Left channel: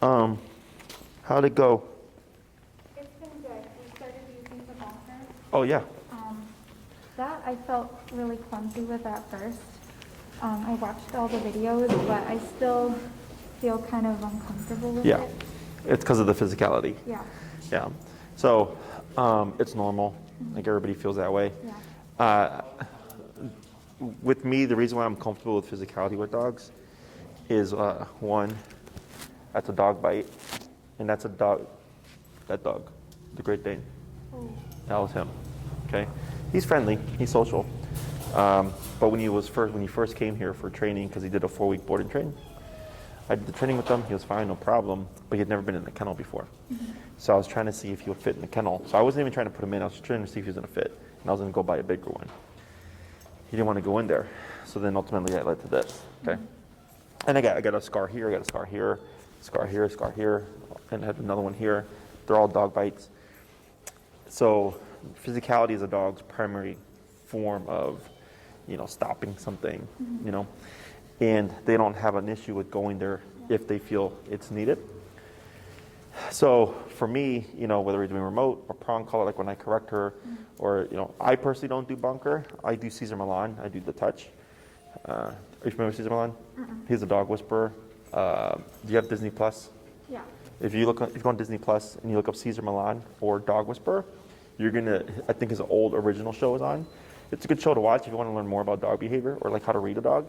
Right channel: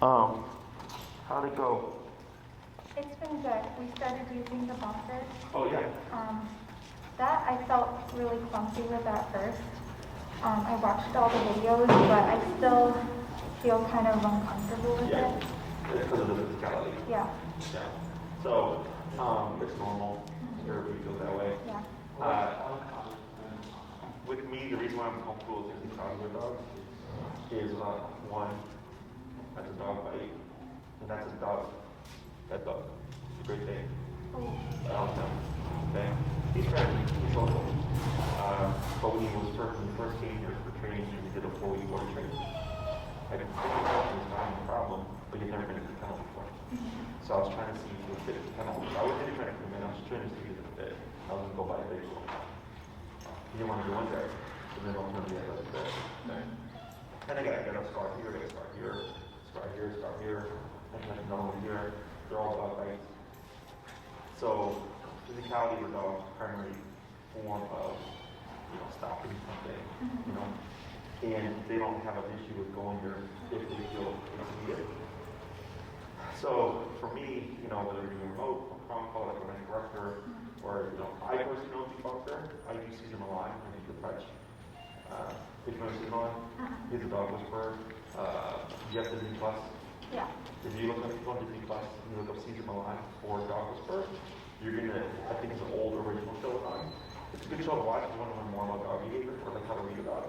How'd it go? It's been good. We started using the bunker. Oh yeah. That I felt really clumsy with at first. I watched all the videos, but I still feel kind of uncomfortable with Yeah. it. It's because of the physicality. Yeah. Yeah. So it's normal. Like everybody feels that way. Yeah. With me, the reason why I'm comfortable with physicality with dogs is one, that's a dog bite, and that's a dog. That dog, the Great Dane. That was him. Okay. He's friendly. He's social. But when he first came here for training, because he did a 4-week boarding training, I did the training with him. He was fine, no problem. But he had never been in the kennel before. So I was trying to see if he would fit in the kennel. So I wasn't even trying to put him in. I was just trying to see if he was going to fit. And I was going to go buy a bigger one. He didn't want to go in there. So then ultimately that led to this. Okay. And I got a scar here. I got a scar here, scar here, scar here, and I have another one here. They're all dog bites. So physicality is a dog's primary form of, stopping something, and they don't have an issue with going there if they feel it's needed. So for me, whether we're doing remote or prong collar, like when I correct her, or, I personally don't do bunker. I do Cesar Milan. I do the touch. Are you familiar with Cesar Milan? He's a dog whisperer. Do you have Disney Plus? Yeah. If you go on Disney Plus and you look up Cesar Milan or Dog Whisperer, you're gonna, I think his old original show is on. It's a good show to watch if you want to learn more about dog behavior or like how to read a dog.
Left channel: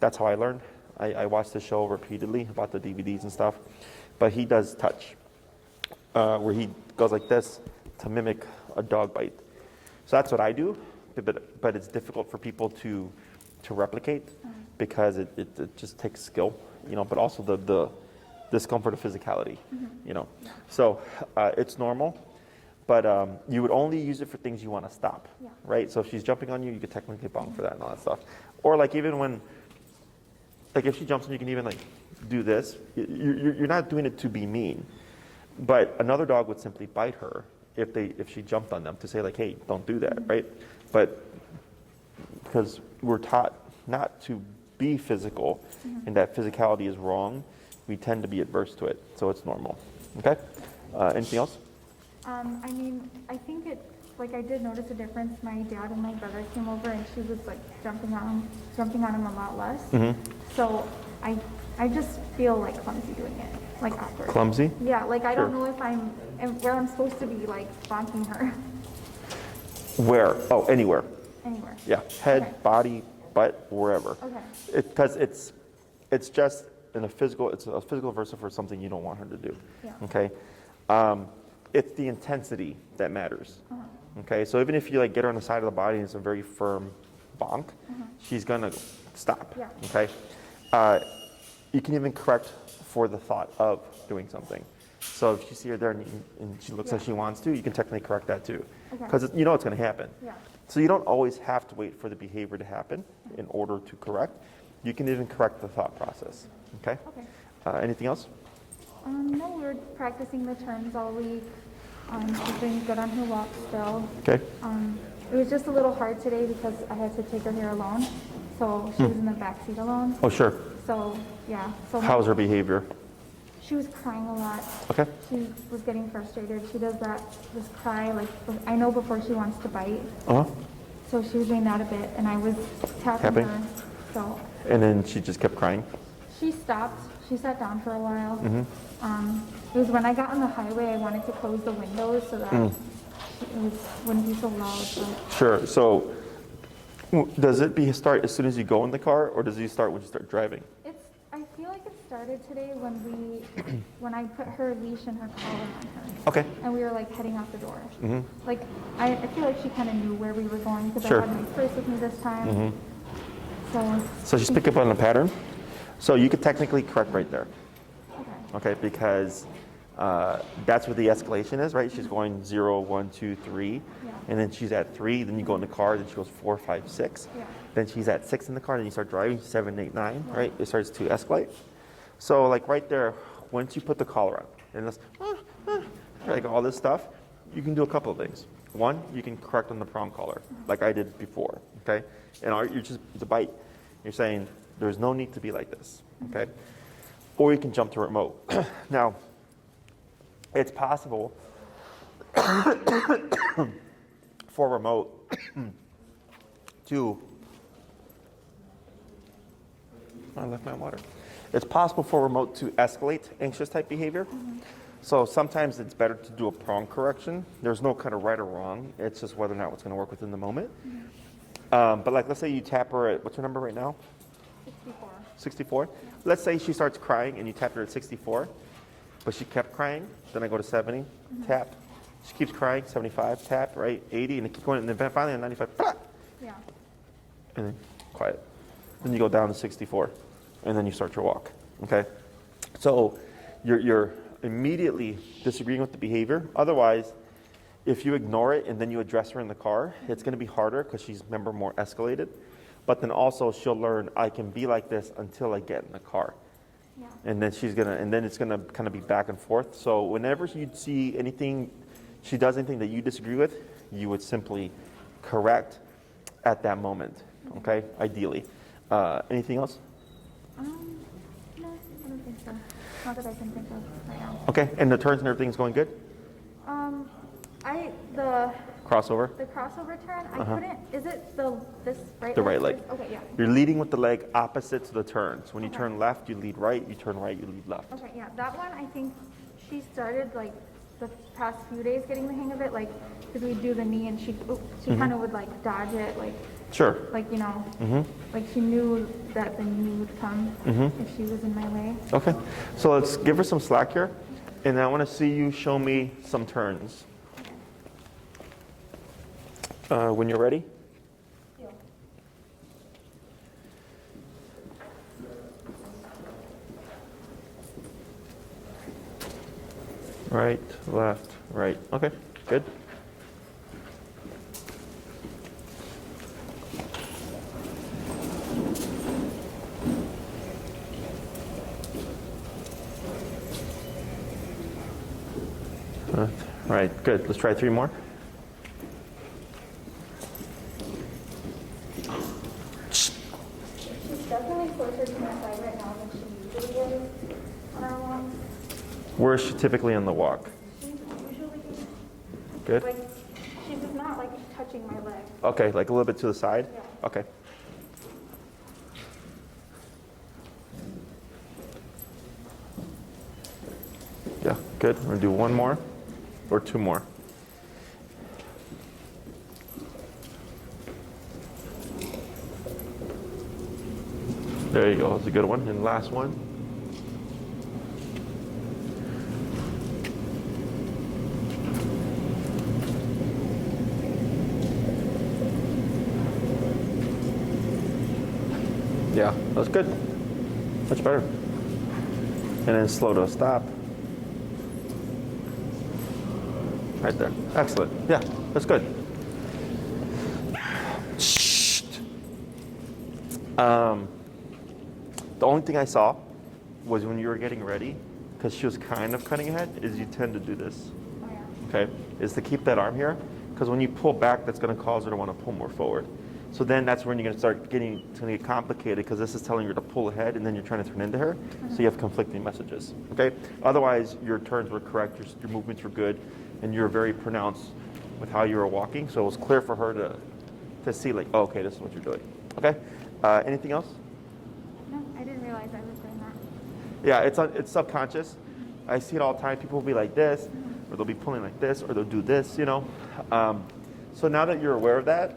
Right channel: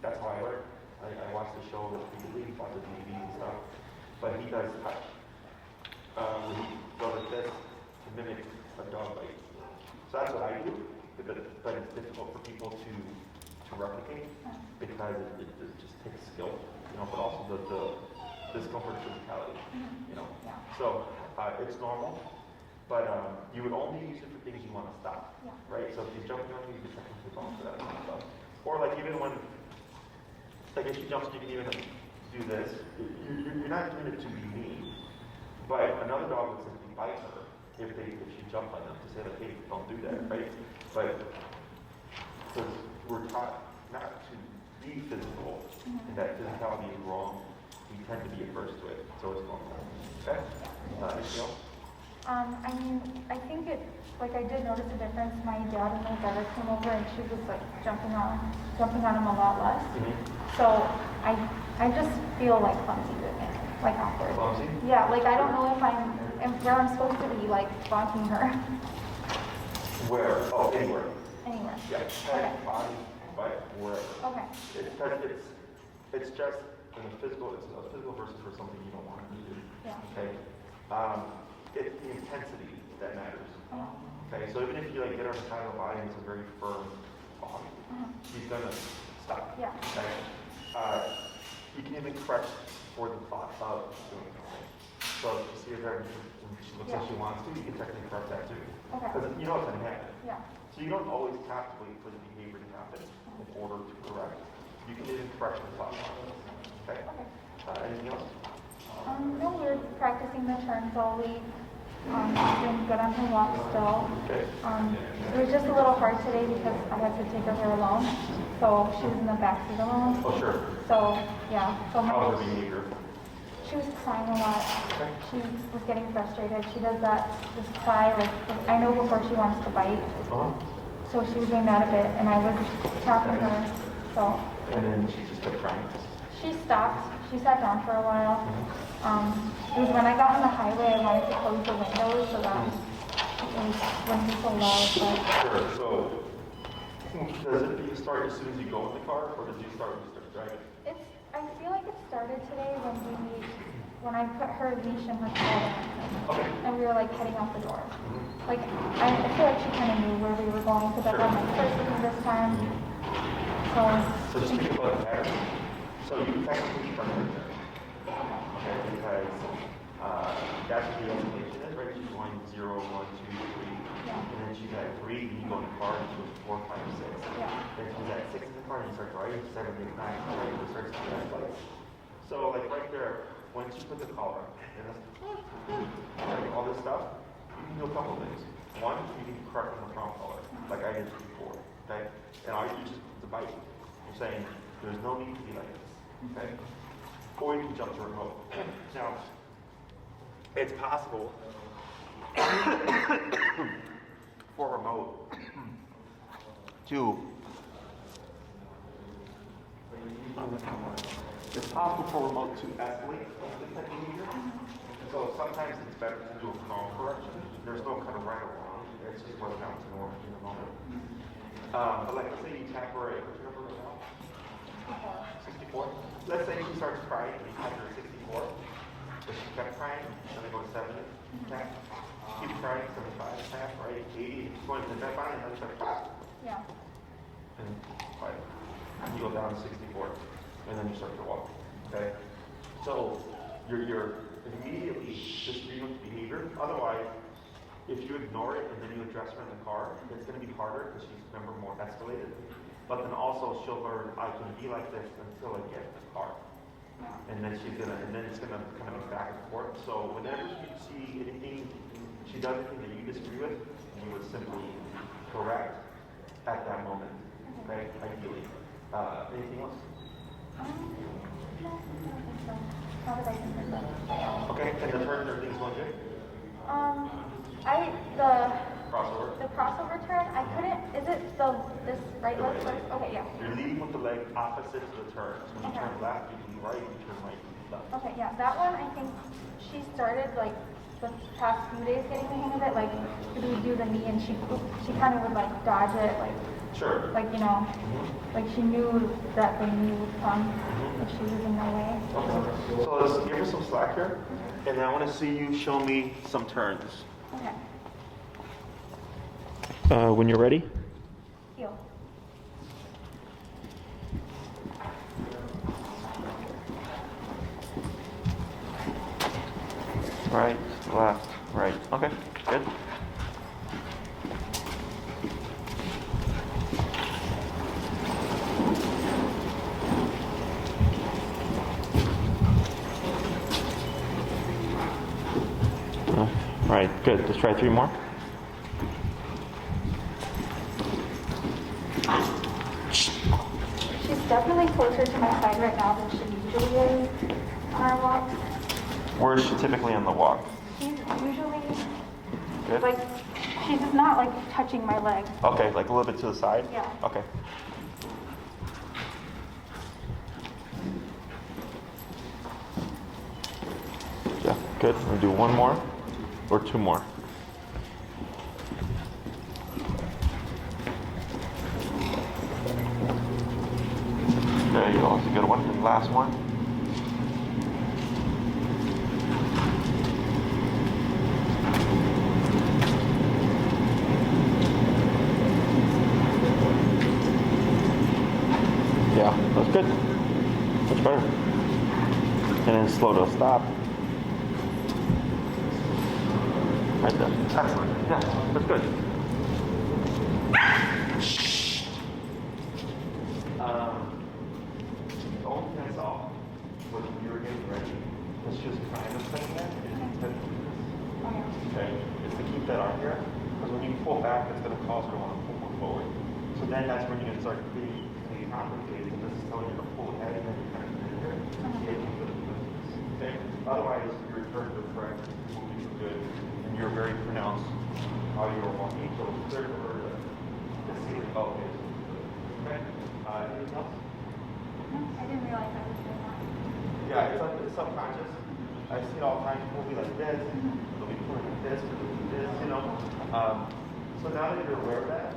That's how I learned. I watched the show repeatedly, bought the DVDs and stuff. But he does touch, where he goes like this to mimic a dog bite. So that's what I do, but it's difficult for people to replicate because it just takes skill, but also the discomfort of physicality, So it's normal, but you would only use it for things you want to stop, right? So if she's jumping on you, you could technically bump for that and all that stuff. Or like even when, like if she jumps on you, can even like do this. You're not doing it to be mean, but another dog would simply bite her if she jumped on them to say like, hey, don't do that, right? But because we're taught not to be physical and that physicality is wrong, we tend to be adverse to it, so it's normal. Okay? Anything else? I think I did notice a difference. My dad and my brother came over and she was like jumping on him a lot less. So I just feel like clumsy doing it, like awkward. Clumsy? Yeah, like I don't know where I'm supposed to be like bonking her. Where? Oh, anywhere. Anywhere. Yeah, head, Okay. body, butt, wherever. Okay. Because it's just it's a physical versa for something you don't want her to do. Yeah. Okay? It's the intensity that matters. Okay, so even if you like get her on the side of the body and it's a very firm bonk, she's gonna stop. Yeah. Okay? You can even correct for the thought of doing something. So if you see her there and she looks like she wants to, you can technically correct that too. Because you know it's gonna happen. Yeah. So you don't always have to wait for the behavior to happen in order to correct. You can even correct the thought process. Okay? Anything else? No, we're practicing the turns all week. She's been good on her walk still. Okay. It was just a little hard today because I had to take her here alone. So she was in the backseat alone. Oh, sure. So, yeah. So How's her behavior? She was crying a lot. Okay. She was getting frustrated. She does that, just cry, like, I know before she wants to bite. So she was doing that a bit, and I was tapping her. So. And then she just kept crying? She stopped. She sat down for a while. It was when I got on the highway, I wanted to close the windows so that it wouldn't be so loud. Sure. So does it start as soon as you go in the car, or does it start when you start driving? I feel like it started today when I put her leash in her collar. Okay. And we were like heading out the door. Like I feel like she kind of knew where we were going because I had my purse with me this time. So she's picking up on the pattern. So you could technically correct right there. Okay, because that's where the escalation is, right? She's going 0, 1, 2, 3, and then she's at 3. Then you go in the car, then she goes 4, 5, 6. Then she's at 6 in the car, then you start driving 7, 8, 9, right? It starts to escalate. So like right there, once you put the collar on, and it's like all this stuff, you can do a couple of things. One, you can correct on the prong collar, like I did before. Okay, and it's a bite. You're saying there's no need to be like this. Okay. or you can jump to remote. Now, it's possible for remote to, oh, that's not water. It's possible for remote to escalate anxious type behavior. So sometimes it's better to do a prong correction. There's no kind of right or wrong. It's just whether or not it's going to work within the moment. But like, let's say you tap her at, what's her number right now? 64. Let's say she starts crying and you tap her at 64, but she kept crying. Then I go to 70, tap. She keeps crying, 75, tap, right? 80, and it keeps going. And then finally at 95, Yeah. and then quiet. Then you go down to 64, and then you start your walk. Okay? So you're immediately disagreeing with the behavior. Otherwise, if you ignore it and then you address her in the car, it's going to be harder because she's, remember, more escalated. But then also she'll learn, I can be like this until I get in the car. Yeah. And then it's gonna kind of be back and forth. So whenever you see anything, she does anything that you disagree with, you would simply correct at that moment. Okay, ideally. Anything else? No, I don't think so. Not that I can think of. Okay, and the turns and everything's going good? The Crossover? crossover turn, I couldn't, is it this right leg? The right leg. Okay, yeah. You're leading with the leg opposite to the turns. When you turn left, you lead right. You turn right, you lead left. Okay, yeah, that one, I think she started like the past few days getting the hang of it, like, if we do the knee and she kind of would like dodge it, like, Sure. like, you know, like she knew that the knee would come if she was in my way. Okay, so let's give her some slack here. And I want to see you show me some turns. Okay. When you're ready. Heel. Right, left, right. Okay, good. All right, good. Let's try 3 more. She's definitely closer to my side right now than she usually is on our walks. Where is she typically on the walk? She's usually, Good. like, she's just not like touching my leg. Okay, like a little bit to the side? Yeah. Okay. Yeah, good. We'll do 1 more or 2 more. There you go. That's a good one. And last one. Yeah, that's good. Much better. And then slow to a stop. Right there. Excellent. Yeah, that's good. The only thing I saw was when you were getting ready, because she was kind of cutting ahead, is you tend to do this. Okay? Is to keep that arm here, because when you pull back, that's going to cause her to want to pull more forward. So then that's when you're going to start getting, it's going to get complicated, because this is telling her to pull ahead, and then you're trying to turn into her, so you have conflicting messages. Okay? Otherwise, your turns were correct, your movements were good, and you're very pronounced with how you were walking, so it was clear for her to see, like, oh, okay, this is what you're doing. Okay? Anything else? I didn't realize I was doing that. Yeah, it's subconscious. I see it all the time. People will be like this, or they'll be pulling like this, or they'll do this, you know. So now that you're aware of that,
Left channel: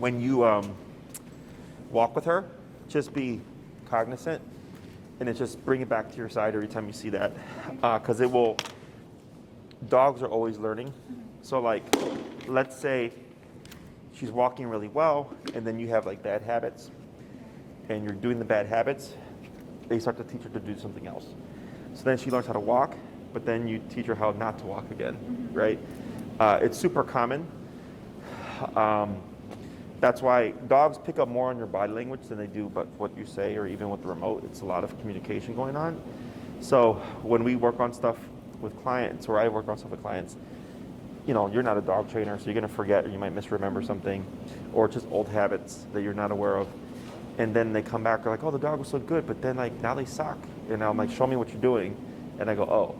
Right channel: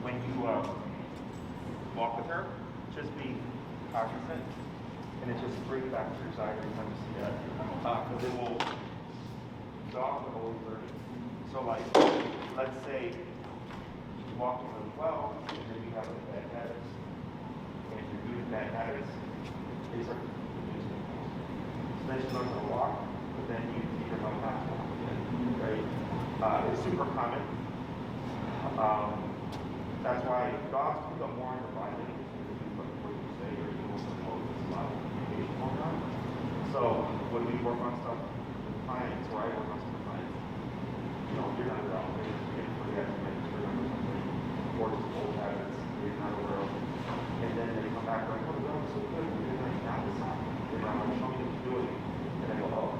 when you walk with her, just be cognizant, and then just bring it back to your side every time you see that. Because it will, dogs are always learning. So like, let's say she's walking really well, and then you have like bad habits, and you're doing the bad habits, they start to teach her to do something else. So then she learns how to walk, but then you teach her how not to walk again, right? It's super common. That's why dogs pick up more on your body language than they do but what you say, or even with the remote. It's a lot of communication going on. So when we work on stuff with clients, or I work on stuff with clients, you know, you're not a dog trainer, so you're gonna forget, or you might misremember something, or just old habits that you're not aware of. And then they come back, they're like, oh, the dog was so good, but then like now they suck. And now I'm like, show me what you're doing. And I go, oh,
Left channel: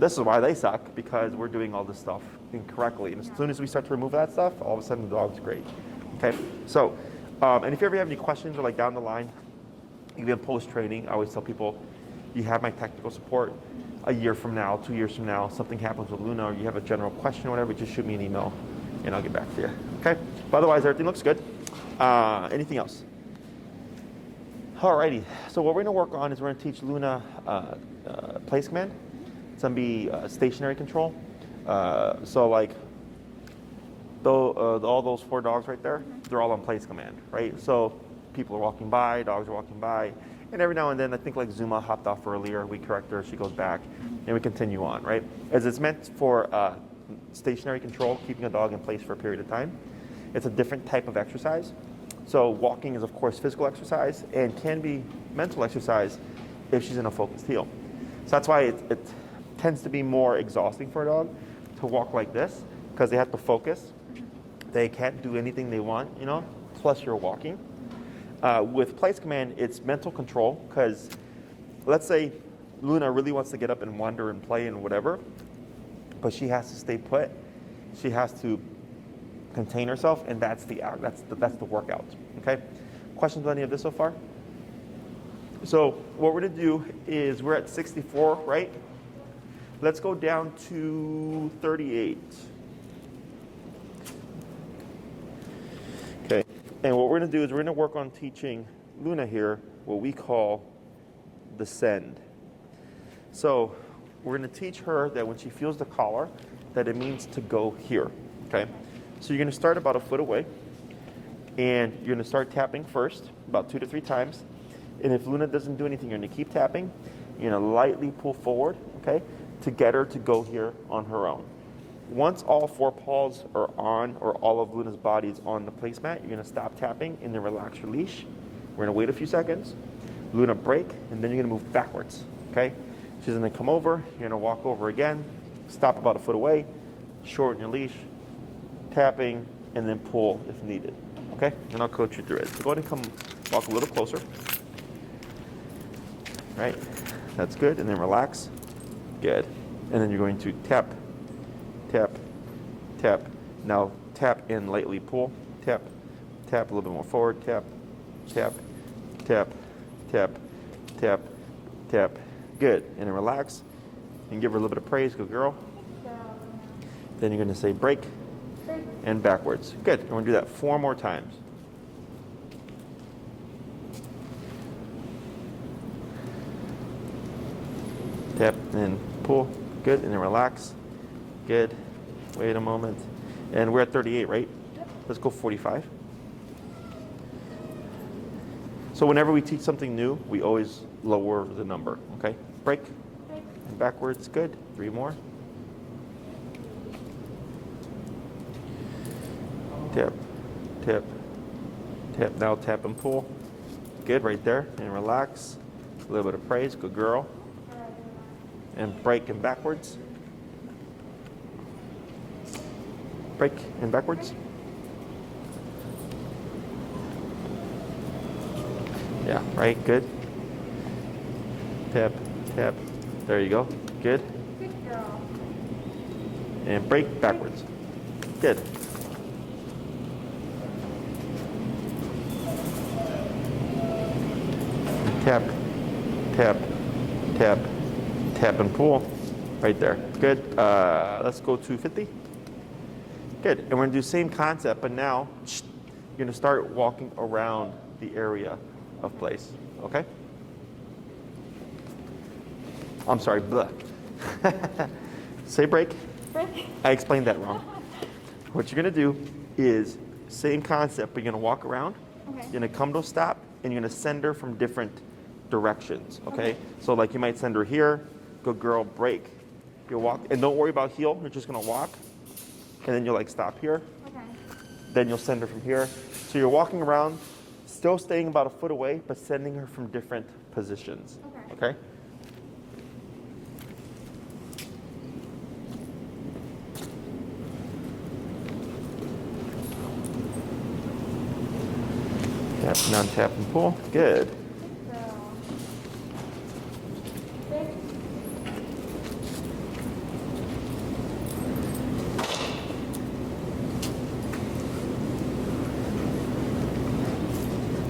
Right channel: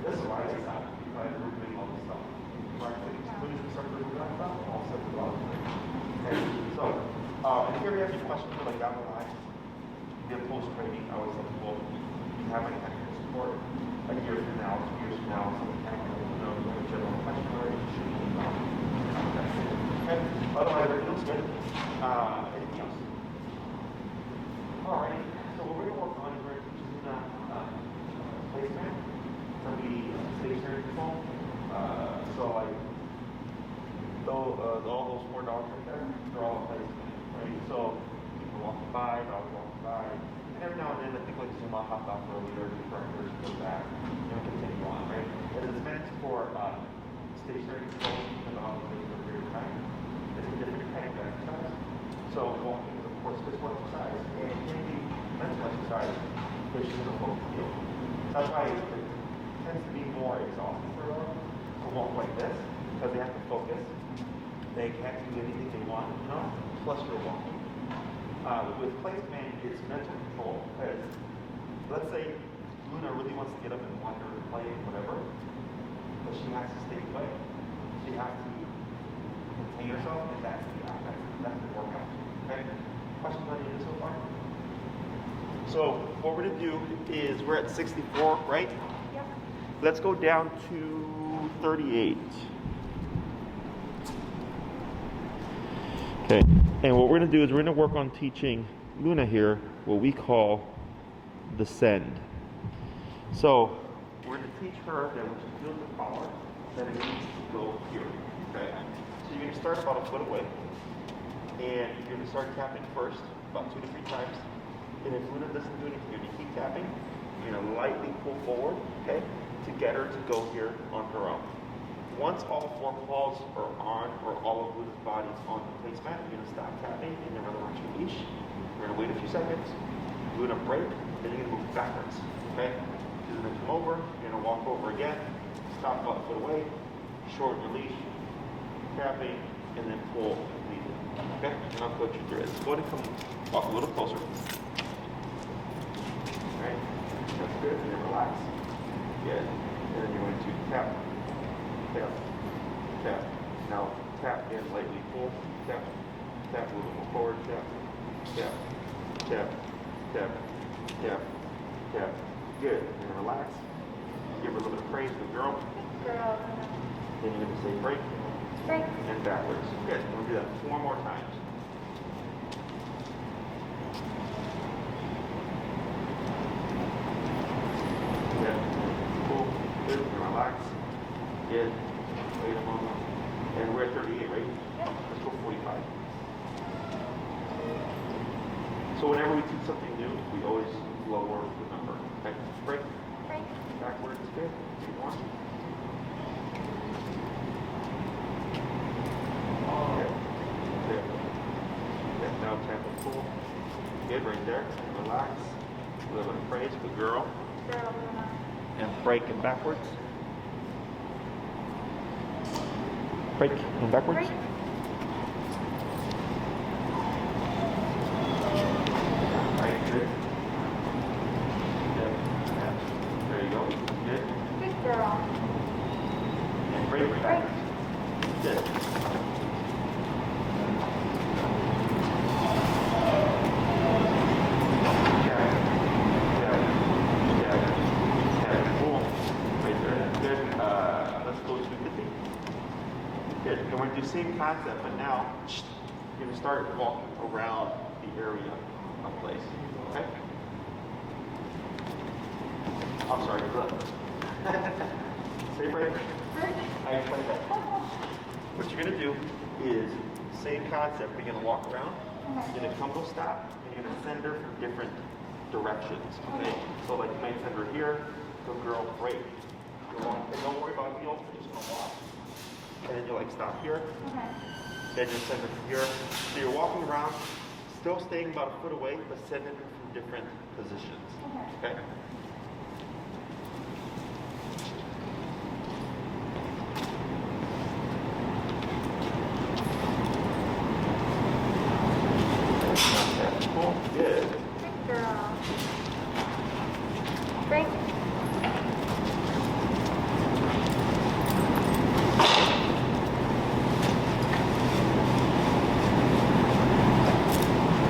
this is why they suck, because we're doing all this stuff incorrectly. And as soon as we start to remove that stuff, all of a sudden the dog's great. Okay, so, and if you ever have any questions or like down the line, you have post-training, I always tell people, you have my technical support. A year from now, 2 years from now, something happens with Luna, or you have a general question or whatever, just shoot me an email and I'll get back to you. Okay, but otherwise everything looks good. Anything else? Alrighty, so what we're gonna work on is we're gonna teach Luna place command. It's gonna be stationary control. So like, though all those 4 dogs right there, they're all on place command, right? So people are walking by, dogs are walking by, and every now and then, I think like Zuma hopped off earlier, we correct her, she goes back, and we continue on, right? As it's meant for stationary control, keeping a dog in place for a period of time. It's a different type of exercise. So walking is of course physical exercise and can be mental exercise if she's in a focused heel. So that's why it tends to be more exhausting for a dog to walk like this, because they have to focus. They can't do anything they want, you know, plus you're walking. With place command, it's mental control, because let's say Luna really wants to get up and wander and play and whatever, but she has to stay put. She has to contain herself, and that's the workout. Okay. Questions on any of this so far? So what we're gonna do is we're at 64, right? Yep. Let's go down to 38. Okay. And what we're gonna do is we're gonna work on teaching Luna here what we call descend. So we're gonna teach her that when she feels the collar, that it means to go here. Okay. So you're gonna start about a foot away, and you're gonna start tapping first, about 2 to 3 times. And if Luna doesn't do anything, you're gonna keep tapping. You're gonna lightly pull forward, okay, to get her to go here on her own. Once all 4 paws are on, or all of Luna's body's on the placemat, you're gonna stop tapping and then relax your leash. We're gonna wait a few seconds. Luna break, and then you're gonna move backwards, okay? She's gonna come over, you're gonna walk over again, stop about a foot away, shorten your leash, tapping, and then pull if needed. Okay? And I'll coach you through it. So go ahead and come walk a little closer. Right? That's good. And then relax. Good. And then you're going to tap, tap, tap. Now tap and lightly pull. Tap, tap a little bit more forward. Tap, tap, tap, tap, tap, tap. Good. And then relax. And give her a little bit of praise. Good girl. Girl. Then you're going to say break. Break. And backwards. Good. I'm going to do that 4 more times. Yep, and then pull. Good. And then relax. Good. Wait a moment. And we're at 38, right? Yep. Let's go 45. So whenever we teach something new, we always lower the number. Okay? Break. Break. Backwards. Good. 3 more. Tap, tap, tap. Now tap and pull. Good, right there. And relax. A little bit of praise. Good girl. Girl. And break and backwards. Break and backwards. Break. Yeah, right. Good. Tap, tap. There you go. Good. Good girl. And break backwards. Good. Tap, tap, tap, tap and pull. Right there. Good. Let's go to 50. Good. And we're going to do the same concept, but now you're going to start walking around the area of place. Okay? I'm sorry. Say break. Break. I explained that wrong. What you're going to do is same concept, but you're going to walk around. Okay. You're going to come to a stop, and you're going to send her from different directions, okay? So like you might send her here, good girl, break. You'll walk, and don't worry about heel, you're just gonna walk, and then you'll like stop here. Okay. Then you'll send her from here. So you're walking around, still staying about a foot away, but sending her from different positions, okay? Now Tap and pull. Good. Good girl. Break.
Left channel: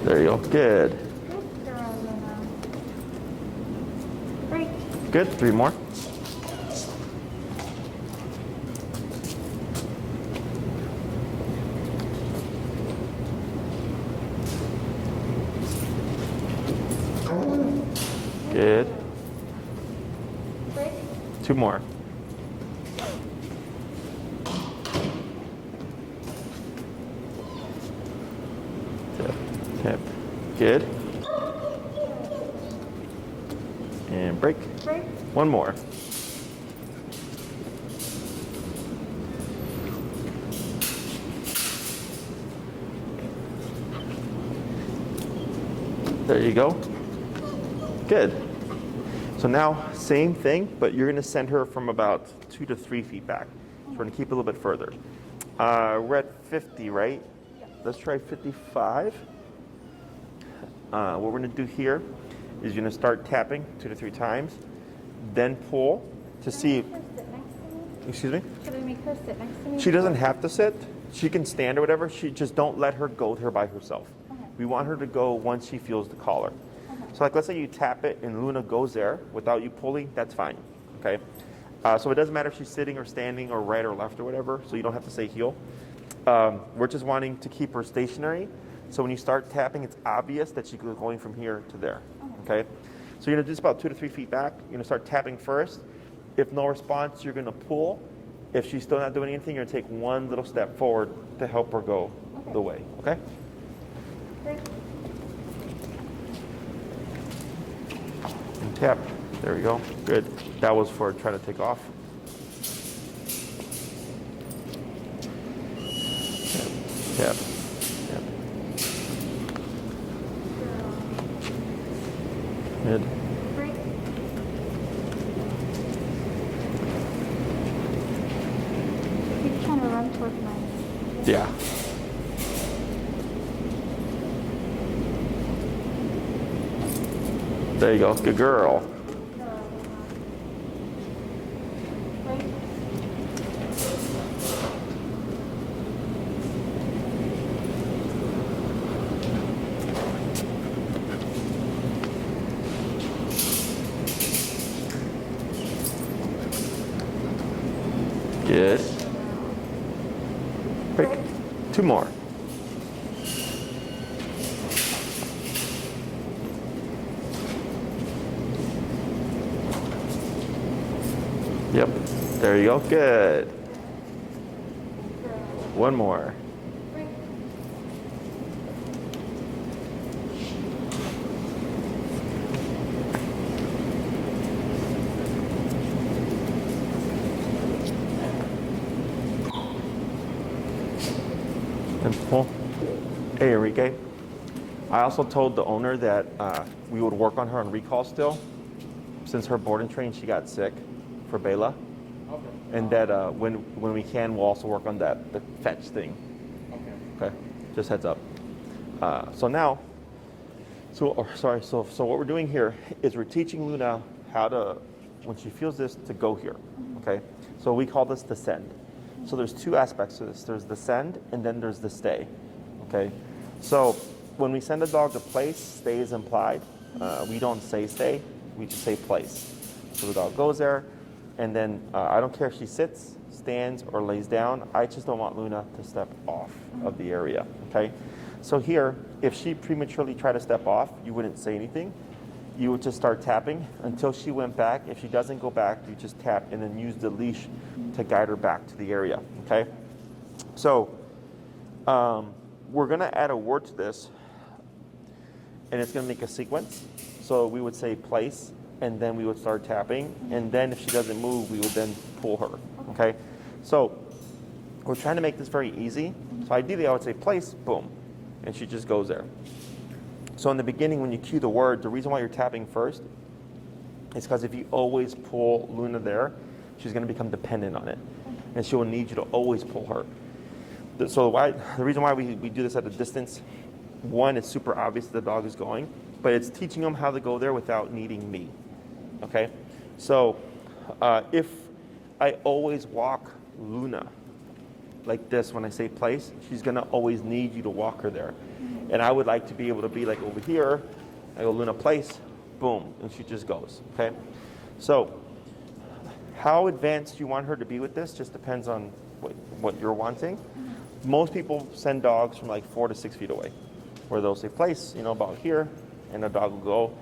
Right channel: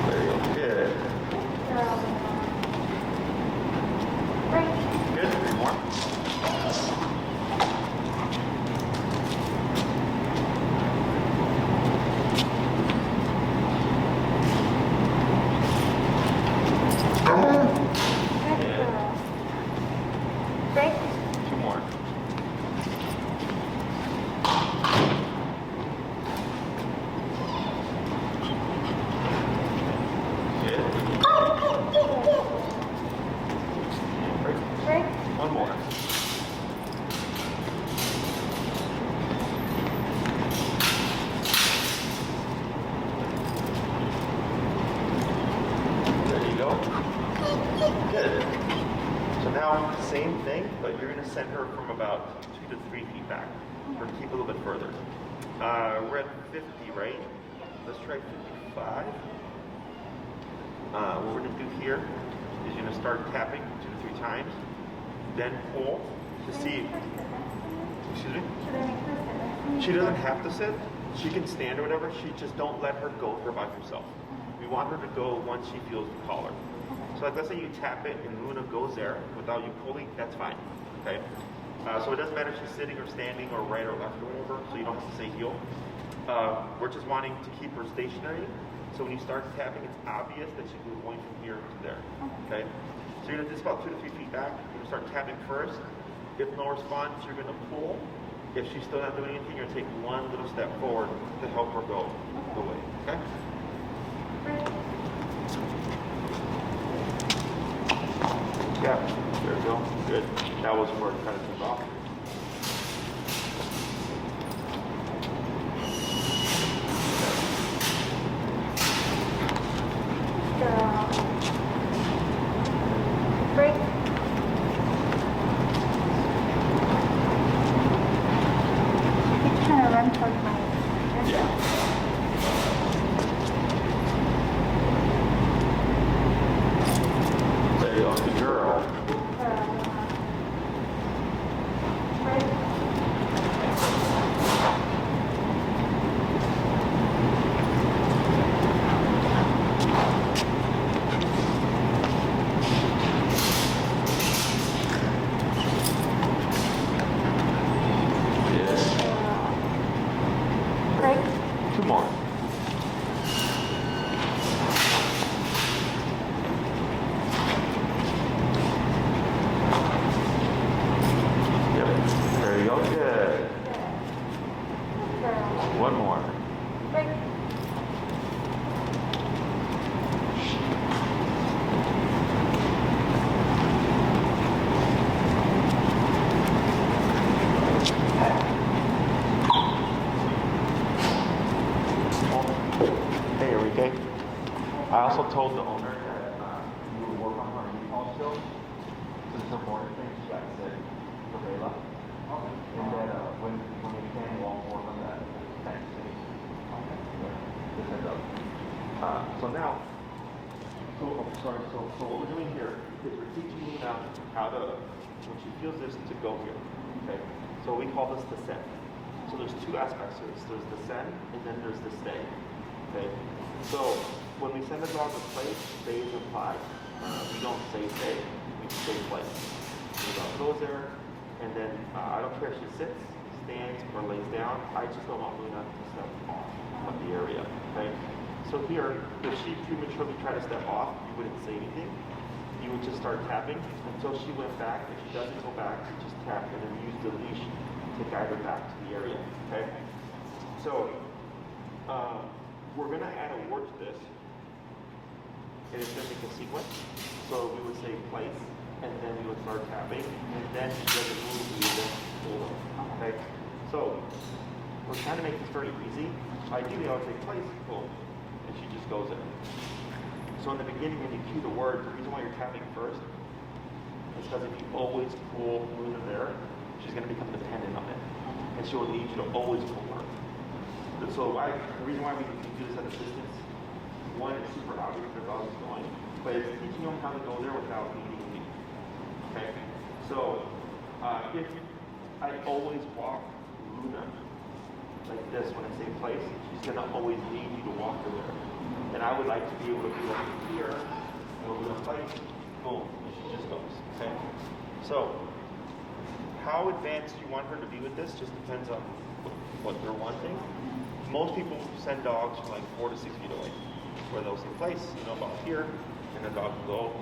There you go. Good. Good girl, Luna. Break. Good. 3 more. Good. Break. 2 more. Okay. Good. And break. Break. 1 more. There you go. Good. So now, same thing, but you're going to send her from about 2 to 3 feet back. So we're going to keep a little bit further. We're at 50, right? Let's try 55. What we're going to do here is you're going to start tapping 2 to 3 times, then pull to see. Excuse me? Can I make her sit next to me? She doesn't have to sit. She can stand or whatever. She just don't let her go to her by herself. We want her to go once she feels the collar. So like let's say you tap it and Luna goes there without you pulling, that's fine. Okay? So it doesn't matter if she's sitting or standing or right or left or whatever, so you don't have to say heel. We're just wanting to keep her stationary. So when you start tapping, it's obvious that she's going from here to there. Okay? So you're gonna do this about 2 to 3 feet back. You're gonna start tapping first. If no response, you're gonna pull. If she's still not doing anything, you're gonna take 1 little step forward to help her go the way. Okay? Break. Yeah, there we go. Good. That was for trying to take off. Yeah. Girl. Good. Break. Keep trying to run towards my. Yeah. There you go. Good girl. Break. Yes. Break. 2 more. Yep. There you go. Good. 1 more. Break. That's cool. Hey, Enrique. I also told the owner that we would work on her on recall still. Since her board and train, she got sick for Bela. And that when we can, we'll also work on the fence thing. Okay, just heads up. So now, so what we're doing here is we're teaching Luna how to, when she feels this, to go here. Okay, so we call this the send. So there's 2 aspects to this. There's the send and then there's the stay. Okay, so when we send a dog to place, stay is implied. We don't say stay, we just say place. So the dog goes there, and then I don't care if she sits, stands, or lays down. I just don't want Luna to step off of the area. Okay, so here, if she prematurely tried to step off, you wouldn't say anything. You would just start tapping until she went back. If she doesn't go back, you just tap and then use the leash to guide her back to the area. Okay, so we're gonna add a word to this, and it's gonna make a sequence. So we would say place, and then we would start tapping, and then if she doesn't move, we would then pull her. Okay, so we're trying to make this very easy. So ideally, I would say place, boom, and she just goes there. So in the beginning, when you cue the word, the reason why you're tapping first is because if you always pull Luna there, she's going to become dependent on it, and she will need you to always pull her. So the reason why we do this at a distance one, it's super obvious the dog is going, but it's teaching them how to go there without needing me. Okay? So if I always walk Luna like this when I say place, she's gonna always need you to walk her there. And I would like to be able to be like over here, I go Luna place, boom, and she just goes, okay? So how advanced you want her to be with this just depends on what you're wanting. Most people send dogs from like 4 to 6 feet away, where they'll say place, about here, and the dog will go.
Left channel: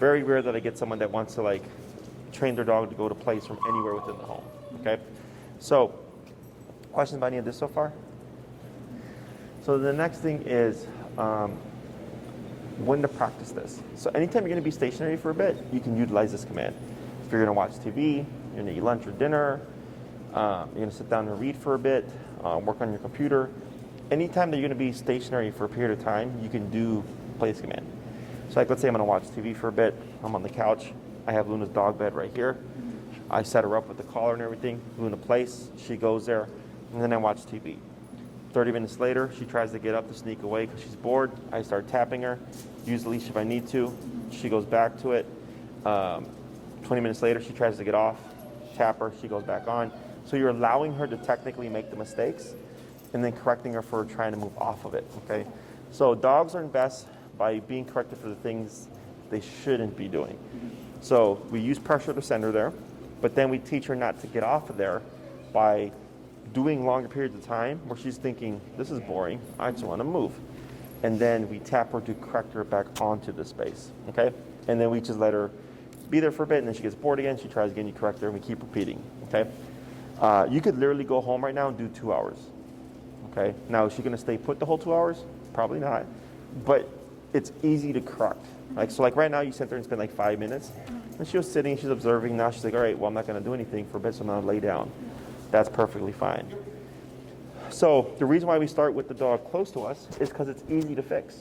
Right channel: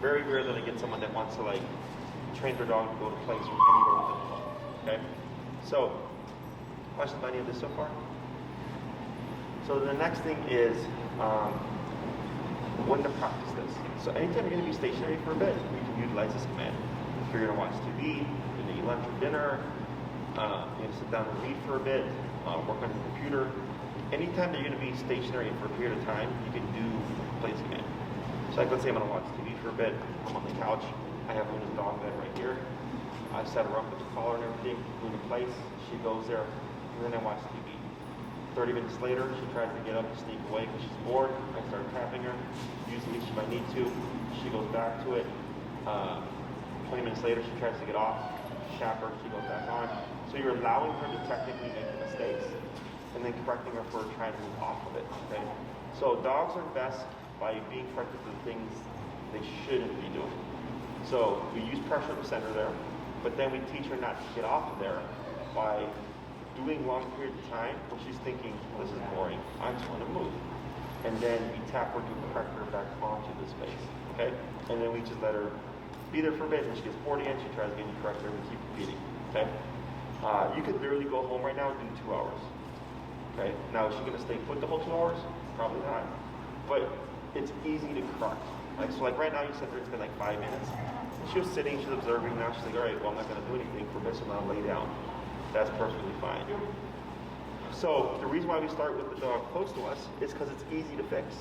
Very rare that I get someone that wants to like train their dog to go to place from anywhere within the home, okay? So, questions about any of this so far? So the next thing is when to practice this. So anytime you're going to be stationary for a bit, you can utilize this command. If you're going to watch TV, you're going to eat lunch or dinner, you're going to sit down and read for a bit, work on your computer. Anytime that you're going to be stationary for a period of time, you can do place command. So like, let's say I'm going to watch TV for a bit. I'm on the couch. I have Luna's dog bed right here. I set her up with the collar and everything. Luna place. She goes there, and then I watch TV. 30 minutes later, she tries to get up to sneak away because she's bored. I start tapping her. Use the leash if I need to. She goes back to it. 20 minutes later, she tries to get off. Tap her. She goes back on. So you're allowing her to technically make the mistakes and then correcting her for trying to move off of it, okay? So dogs learn best by being corrected for the things they shouldn't be doing. So we use pressure to send her there, but then we teach her not to get off of there by doing longer periods of time where she's thinking, this is boring, I just want to move. And then we tap her to correct her back onto the space, okay? And then we just let her be there for a bit, and then she gets bored again, she tries again, you correct her, and we keep repeating, okay? You could literally go home right now and do 2 hours, okay? Now, is she going to stay put the whole 2 hours? Probably not. But it's easy to correct. So right now, you sit there and spend like 5 minutes, and she was sitting, she's observing. Now she's like, all right, well, I'm not going to do anything for a bit, so I'm going to lay down. That's perfectly fine. So the reason why we start with the dog close to us is because it's easy to fix.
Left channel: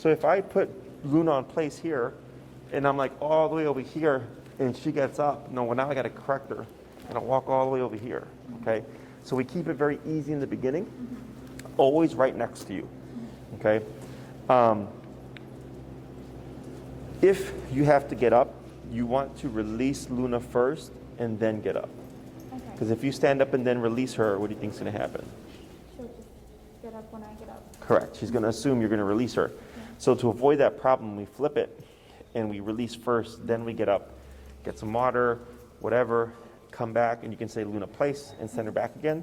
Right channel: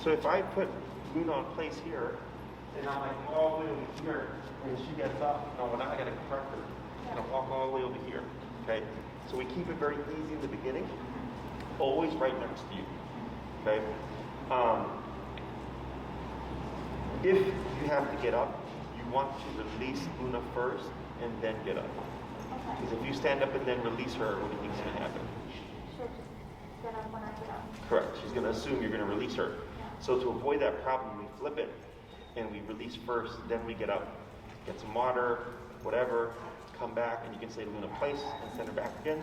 So if I put Luna on place here, and I'm like all the way over here, and she gets up, no, well, now I got to correct her, and I'll walk all the way over here, okay? So we keep it very easy in the beginning, always right next to you, okay? If you have to get up, you want to release Luna first and then get up. Because if you stand up and then release her, what do you think is going to happen? She'll just get up when I get up. Correct. She's going to assume you're going to release her. Yeah. So to avoid that problem, we flip it and we release first, then we get up. Get some water, whatever, come back, and you can say Luna place and send her back again.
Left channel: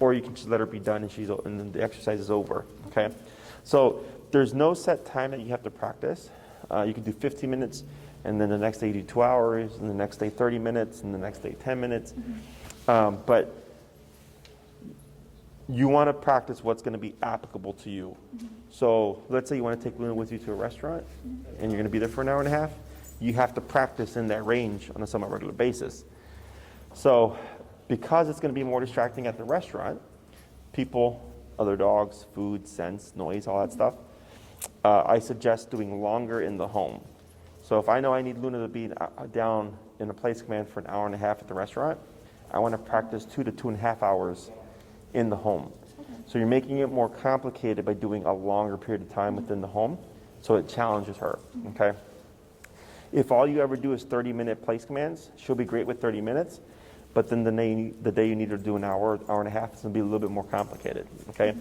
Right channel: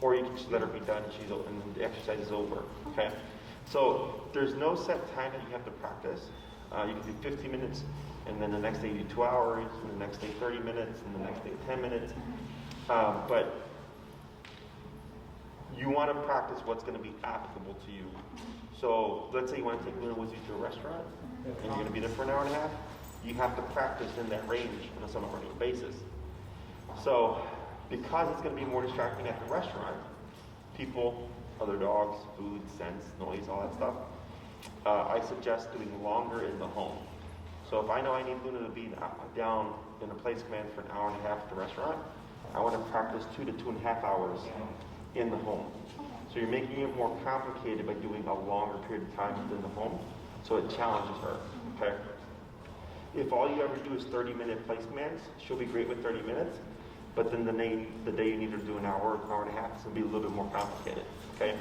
Or you can just let her be done and then the exercise is over. Okay? So there's no set time that you have to practice. You can do 15 minutes, and then the next day you do 2 hours, and the next day 30 minutes, and the next day 10 minutes. But you want to practice what's going to be applicable to you. So let's say you want to take Luna with you to a restaurant, and you're going to be there for an hour and a half. You have to practice in that range on a somewhat regular basis. So because it's going to be more distracting at the restaurant, people, other dogs, food, scents, noise, all that stuff, I suggest doing longer in the home. So if I know I need Luna to be down in a place command for an hour and a half at the restaurant, I want to practice 2 to 2.5 hours in the home. So you're making it more complicated by doing a longer period of time within the home, so it challenges her, okay? If all you ever do is 30-minute place commands, she'll be great with 30 minutes, but then the day you need her to do an hour, hour and a half, it's going to be a little bit more complicated, okay?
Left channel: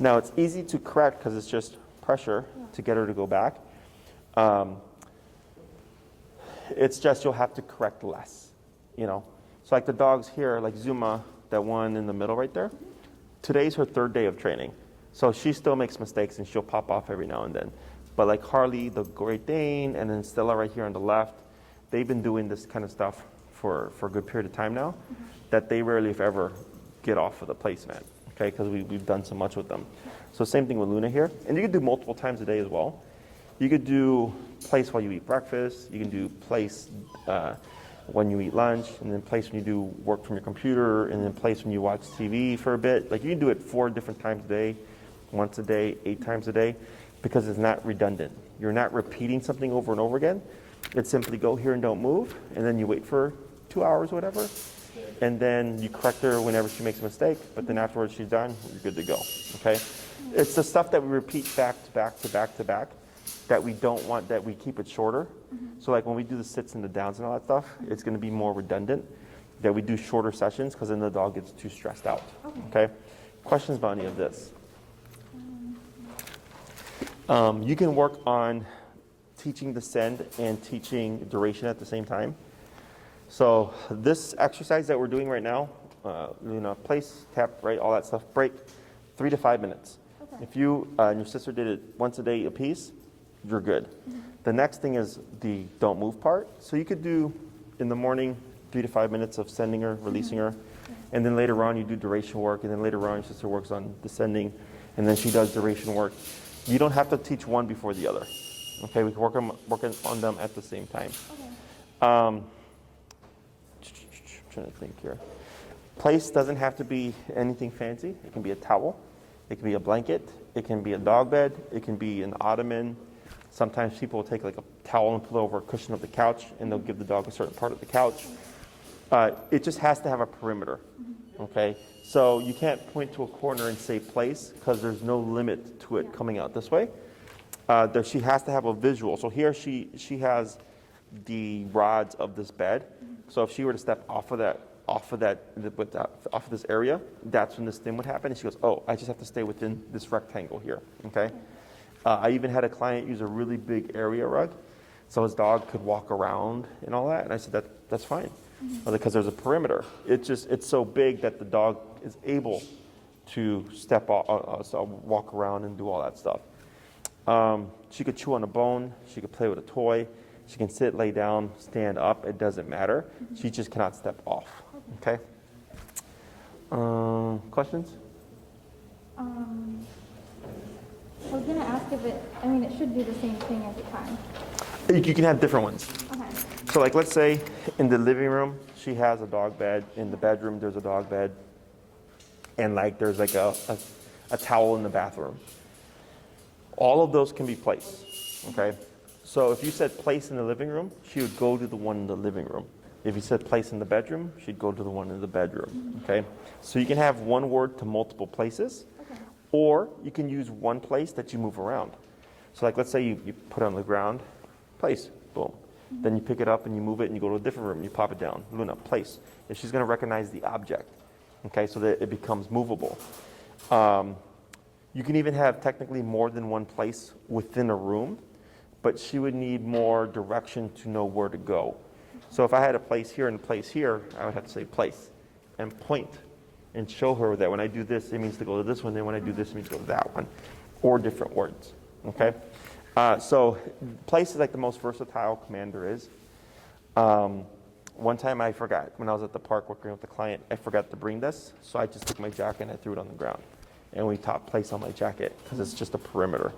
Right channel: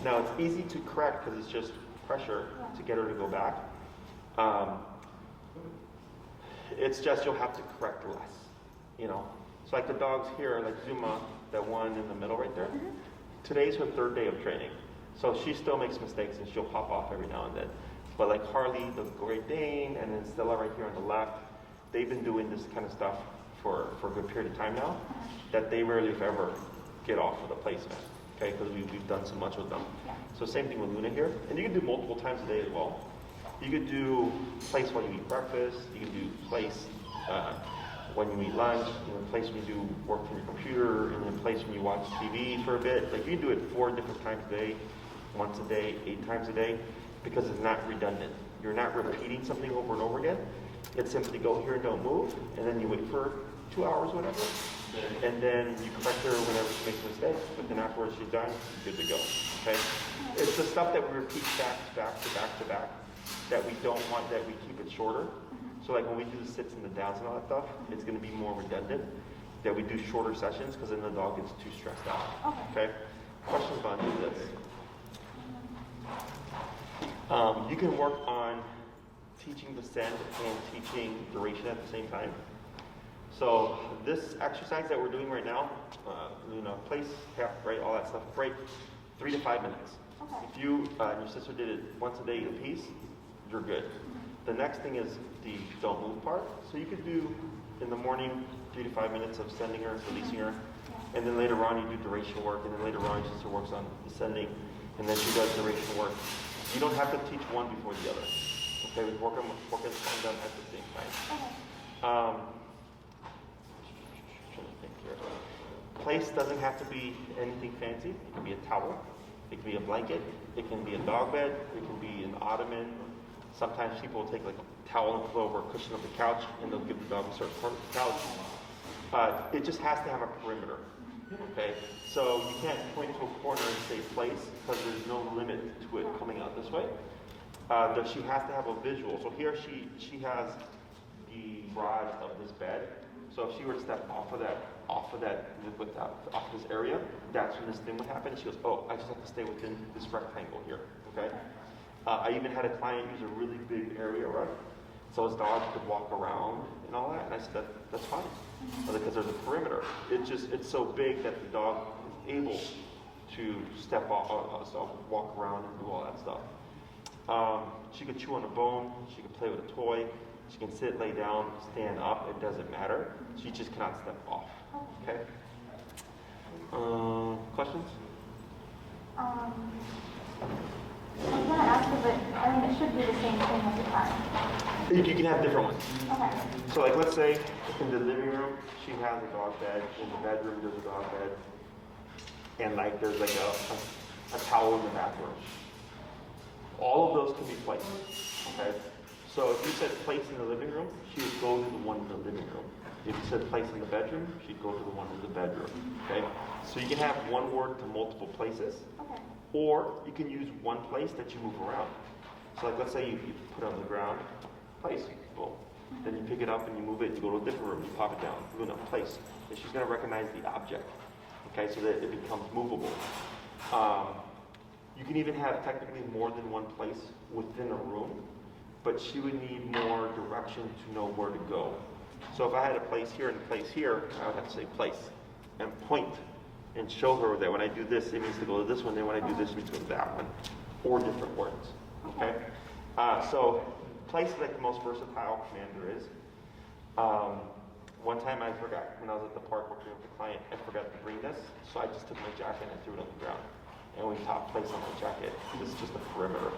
Now, it's easy to correct because it's just pressure to get her to go back. It's just you'll have to correct less, So like the dogs here, like Zuma, that one in the middle right there, today's her 3rd day of training. So she still makes mistakes and she'll pop off every now and then. But like Harley, the Great Dane, and then Stella right here on the left, they've been doing this kind of stuff for a good period of time now, that they rarely, if ever, get off of the placement, okay? Because we've done so much with them. So same thing with Luna here. And you can do multiple times a day as well. You could do place while you eat breakfast. You can do place when you eat lunch, and then place when you do work from your computer, and then place when you watch TV for a bit. Like you can do it 4 different times a day, once a day, 8 times a day, because it's not redundant. You're not repeating something over and over again. It's simply go here and don't move, and then you wait for 2 hours or whatever, and then you correct her whenever she makes a mistake, but then afterwards she's done, you're good to go, okay? It's the stuff that we repeat back to back to back to back that we don't want, that we keep it shorter. So like when we do the sits and the downs and all that stuff, it's going to be more redundant, that we do shorter sessions because then the dog gets too stressed out. Okay? Questions about any of this? You can work on teaching descent and teaching duration at the same time. So this exercise that we're doing right now, place, tap, right, all that stuff, break, 3 to 5 minutes. If you and your sister did it once a day a piece, you're good. The next thing is the don't move part. So you could do in the morning 3 to 5 minutes of sending her, releasing her, and then later on you do duration work, and then later on your sister works on descending, and then she does duration work. You don't have to teach one before the other. Okay, we can work on them at the same time. Trying to think here. Place doesn't have to be anything fancy. It can be a towel. It can be a blanket. It can be a dog bed. It can be an ottoman. Sometimes people will take like a towel and put it over a cushion of the couch, and they'll give the dog a certain part of the couch. It just has to have a perimeter. Okay, so you can't point to a corner and say place because there's no limit to it coming out this way. She has to have a visual. So here she has the rods of this bed. So if she were to step off of this area, that's when this thing would happen. And she goes, oh, I just have to stay within this rectangle here. Okay. I even had a client use a really big area rug, so his dog could walk around and all that. And I said that's fine, because there's a perimeter. It's so big that the dog is able to step off, walk around and do all that stuff. She could chew on a bone. She could play with a toy. She can sit, lay down, stand up. It doesn't matter. She just cannot step off. Okay? Questions? I was going to ask if it should do the same thing every time. You can have different ones. Okay. So like let's say in the living room, she has a dog bed. In the bedroom, there's a dog bed. And like there's like a towel in the bathroom. All of those can be placed. Okay? So if you said place in the living room, she would go to the one in the living room. If you said place in the bedroom, she'd go to the one in the bedroom. Okay? So you can have one word to multiple places, or you can use one place that you move around. So like let's say you put it on the ground, place, boom. Then you pick it up and you move it and you go to a different room, you pop it down, Luna, place. And she's going to recognize the object, okay, so that it becomes movable. You can even have technically more than one place within a room, but she would need more direction to know where to go. So if I had a place here and a place here, I would have to say place and point and show her that when I do this, it means to go to this one, and when I do this, it means to go to that one, or different words, okay? So place is like the most versatile command there is. One time I forgot, when I was at the park working with the client, I forgot to bring this, so I just took my jacket and I threw it on the ground. And we taught place on my jacket, because it's just a perimeter.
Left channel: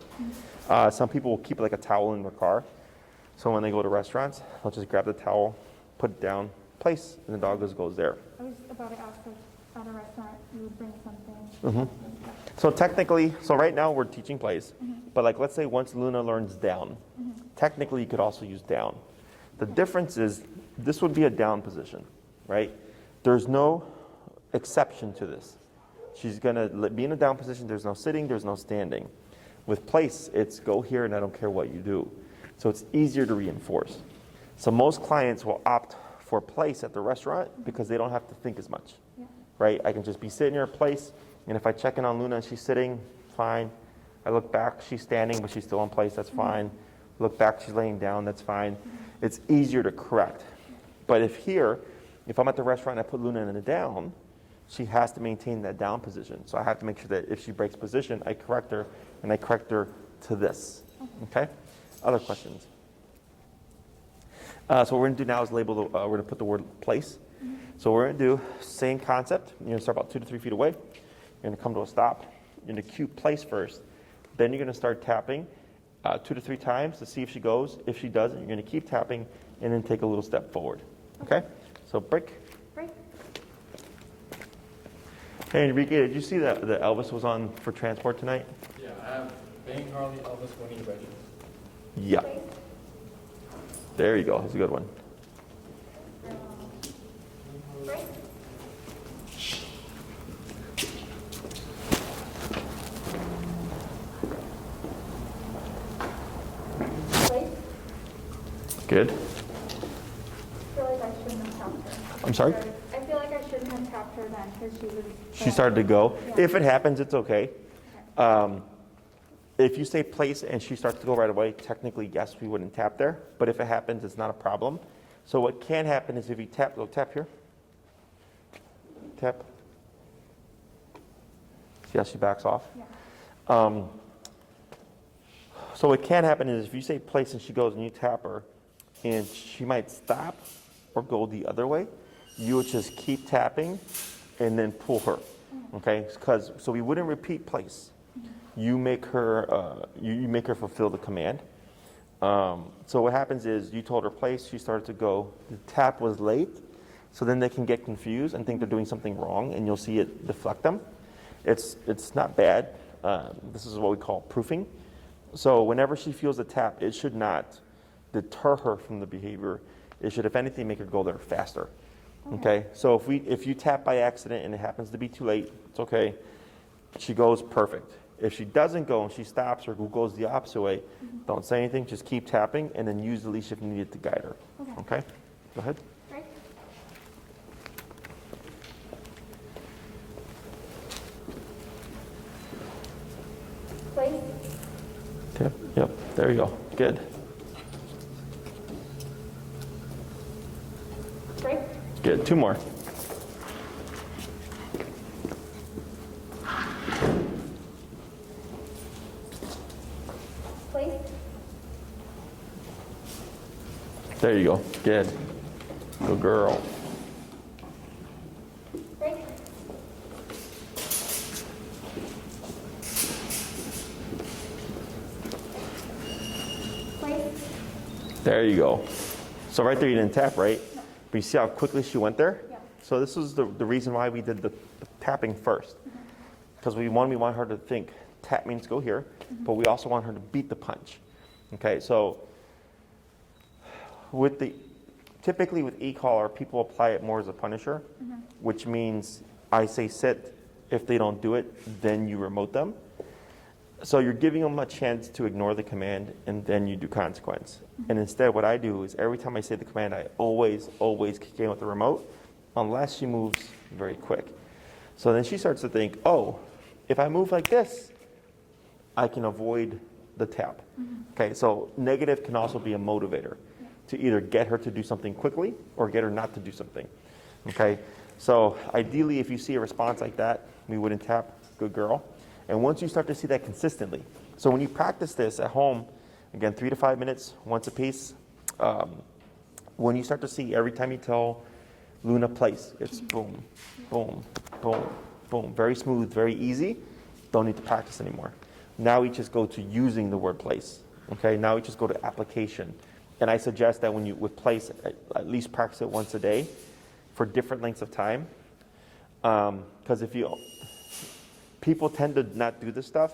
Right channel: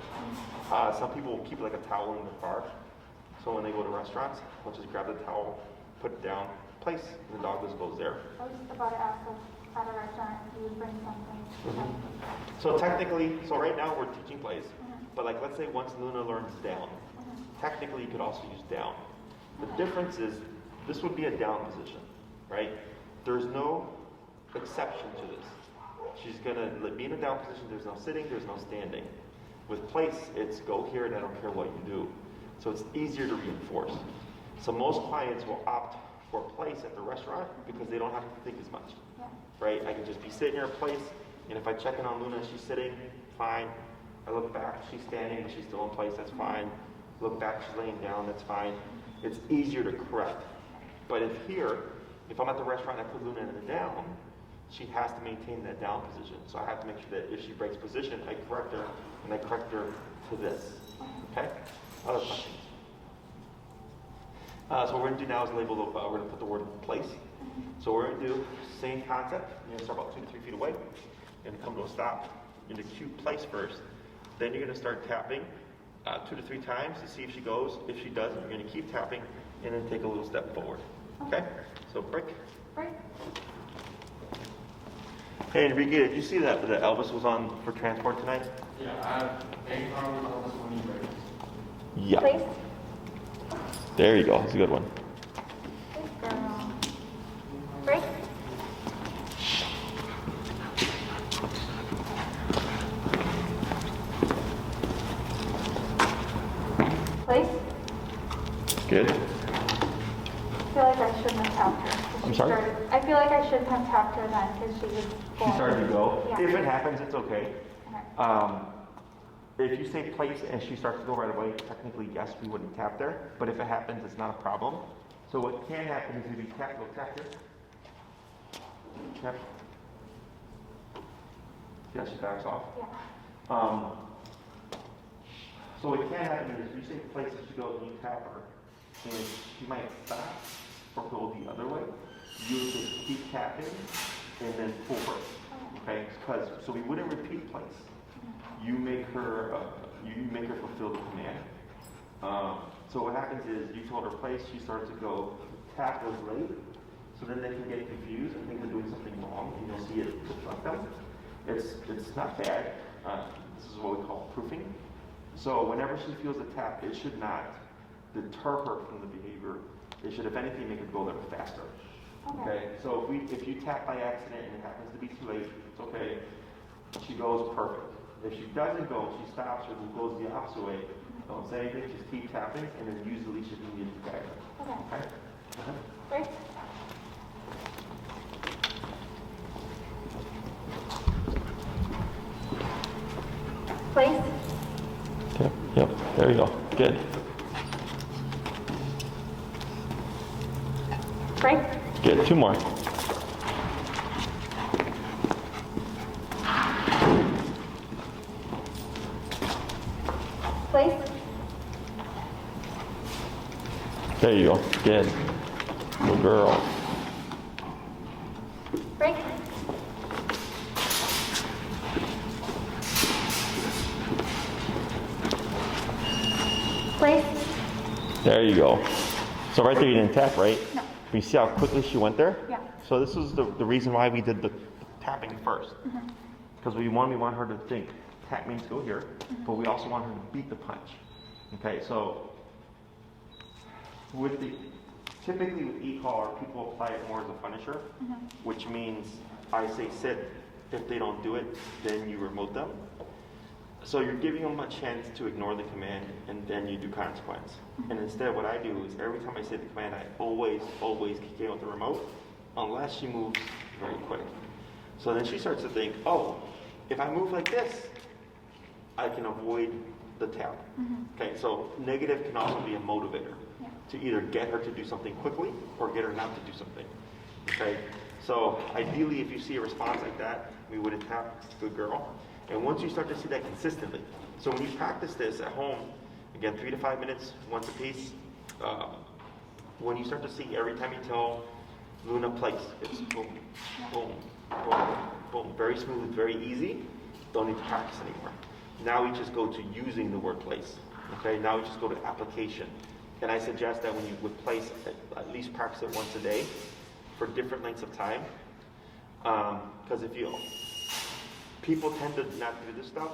Some people will keep like a towel in their car, so when they go to restaurants, they'll just grab the towel, put it down, place, and the dog just goes there. I was about to ask if at a restaurant you would bring something. So technically, so right now we're teaching place, but like let's say once Luna learns down, technically you could also use down. The difference is this would be a down position, right? There's no exception to this. She's going to be in a down position. There's no sitting, there's no standing. With place, it's go here and I don't care what you do. So it's easier to reinforce. So most clients will opt for place at the restaurant because they don't have to think as much, right? I can just be sitting here at place, and if I check in on Luna and she's sitting, fine. I look back, she's standing, but she's still in place, that's fine. Look back, she's laying down, that's fine. It's easier to correct. But if I'm at the restaurant and I put Luna in a down, she has to maintain that down position. So I have to make sure that if she breaks position, I correct her, and I correct her to this. Okay? Other questions? So what we're going to do now is label, we're going to put the word place. So we're going to do same concept. You're going to start about 2 to 3 feet away. You're going to come to a stop. You're going to cue place first. Then you're going to start tapping 2 to 3 times to see if she goes. If she doesn't, you're going to keep tapping and then take a little step forward. Okay? So break. Break. Hey, Enrique, did you see that Elvis was on for transport tonight? Yeah, I have 8 pounds Elvis for me, right? Yeah. Place. There you go. That's a good one. Good girl. Break. Good. I feel like I shouldn't have tapped her. I'm sorry? I feel like I shouldn't have tapped her then because she was. She started to go. Yeah. If it happens, it's okay. Okay. If you say place and she starts to go right away, technically, yes, we wouldn't tap there. But if it happens, it's not a problem. So what can happen is if you tap, go tap here. Tap. See how she backs off? Yeah. So what can happen is if you say place and she goes and you tap her, and she might stop or go the other way, you would just keep tapping and then pull her. Okay? So we wouldn't repeat place. You make her you make her fulfill the command. So what happens is you told her place, she started to go. The tap was late, so then they can get confused and think they're doing something wrong, and you'll see it deflect them. It's not bad. This is what we call proofing. So whenever she feels a tap, it should not deter her from the behavior. It should, if anything, make her go there faster. Okay? So if you tap by accident and it happens to be too late, it's okay. She goes perfect. If she doesn't go and she stops or goes the opposite way, don't say anything, just keep tapping and then use the leash if you need it to guide her. Okay? Go ahead. Right. Place. Yep, there you go. Good. Break. Good. Two more. Place. There you go. Good. Good girl. Break. Place. There you go. So right there you didn't tap, right? No. But you see how quickly she went there? Yeah. So this was the reason why we did the tapping first. Because we want her to think tap means go here, but we also want her to beat the punch. Okay, so typically with e-collar, people apply it more as a punisher, which means I say sit. If they don't do it, then you remote them. So you're giving them a chance to ignore the command, and then you do consequence. And instead, what I do is every time I say the command, I always kick in with the remote, unless she moves very quick. So then she starts to think, oh, if I move like this, I can avoid the tap. Okay, so negative can also be a motivator to either get her to do something quickly or get her not to do something. Okay, so ideally, if you see a response like that, we wouldn't tap. Good girl. And once you start to see that consistently, so when you practice this at home, again, 3 to 5 minutes, once a piece, when you start to see every time you tell Luna place, it's boom, boom, boom, boom, very smooth, very easy, don't need to practice anymore. Now we just go to using the word place, okay? Now we just go to application. And I suggest that when you would place, at least practice it once a day for different lengths of time. Because people tend to not do this stuff.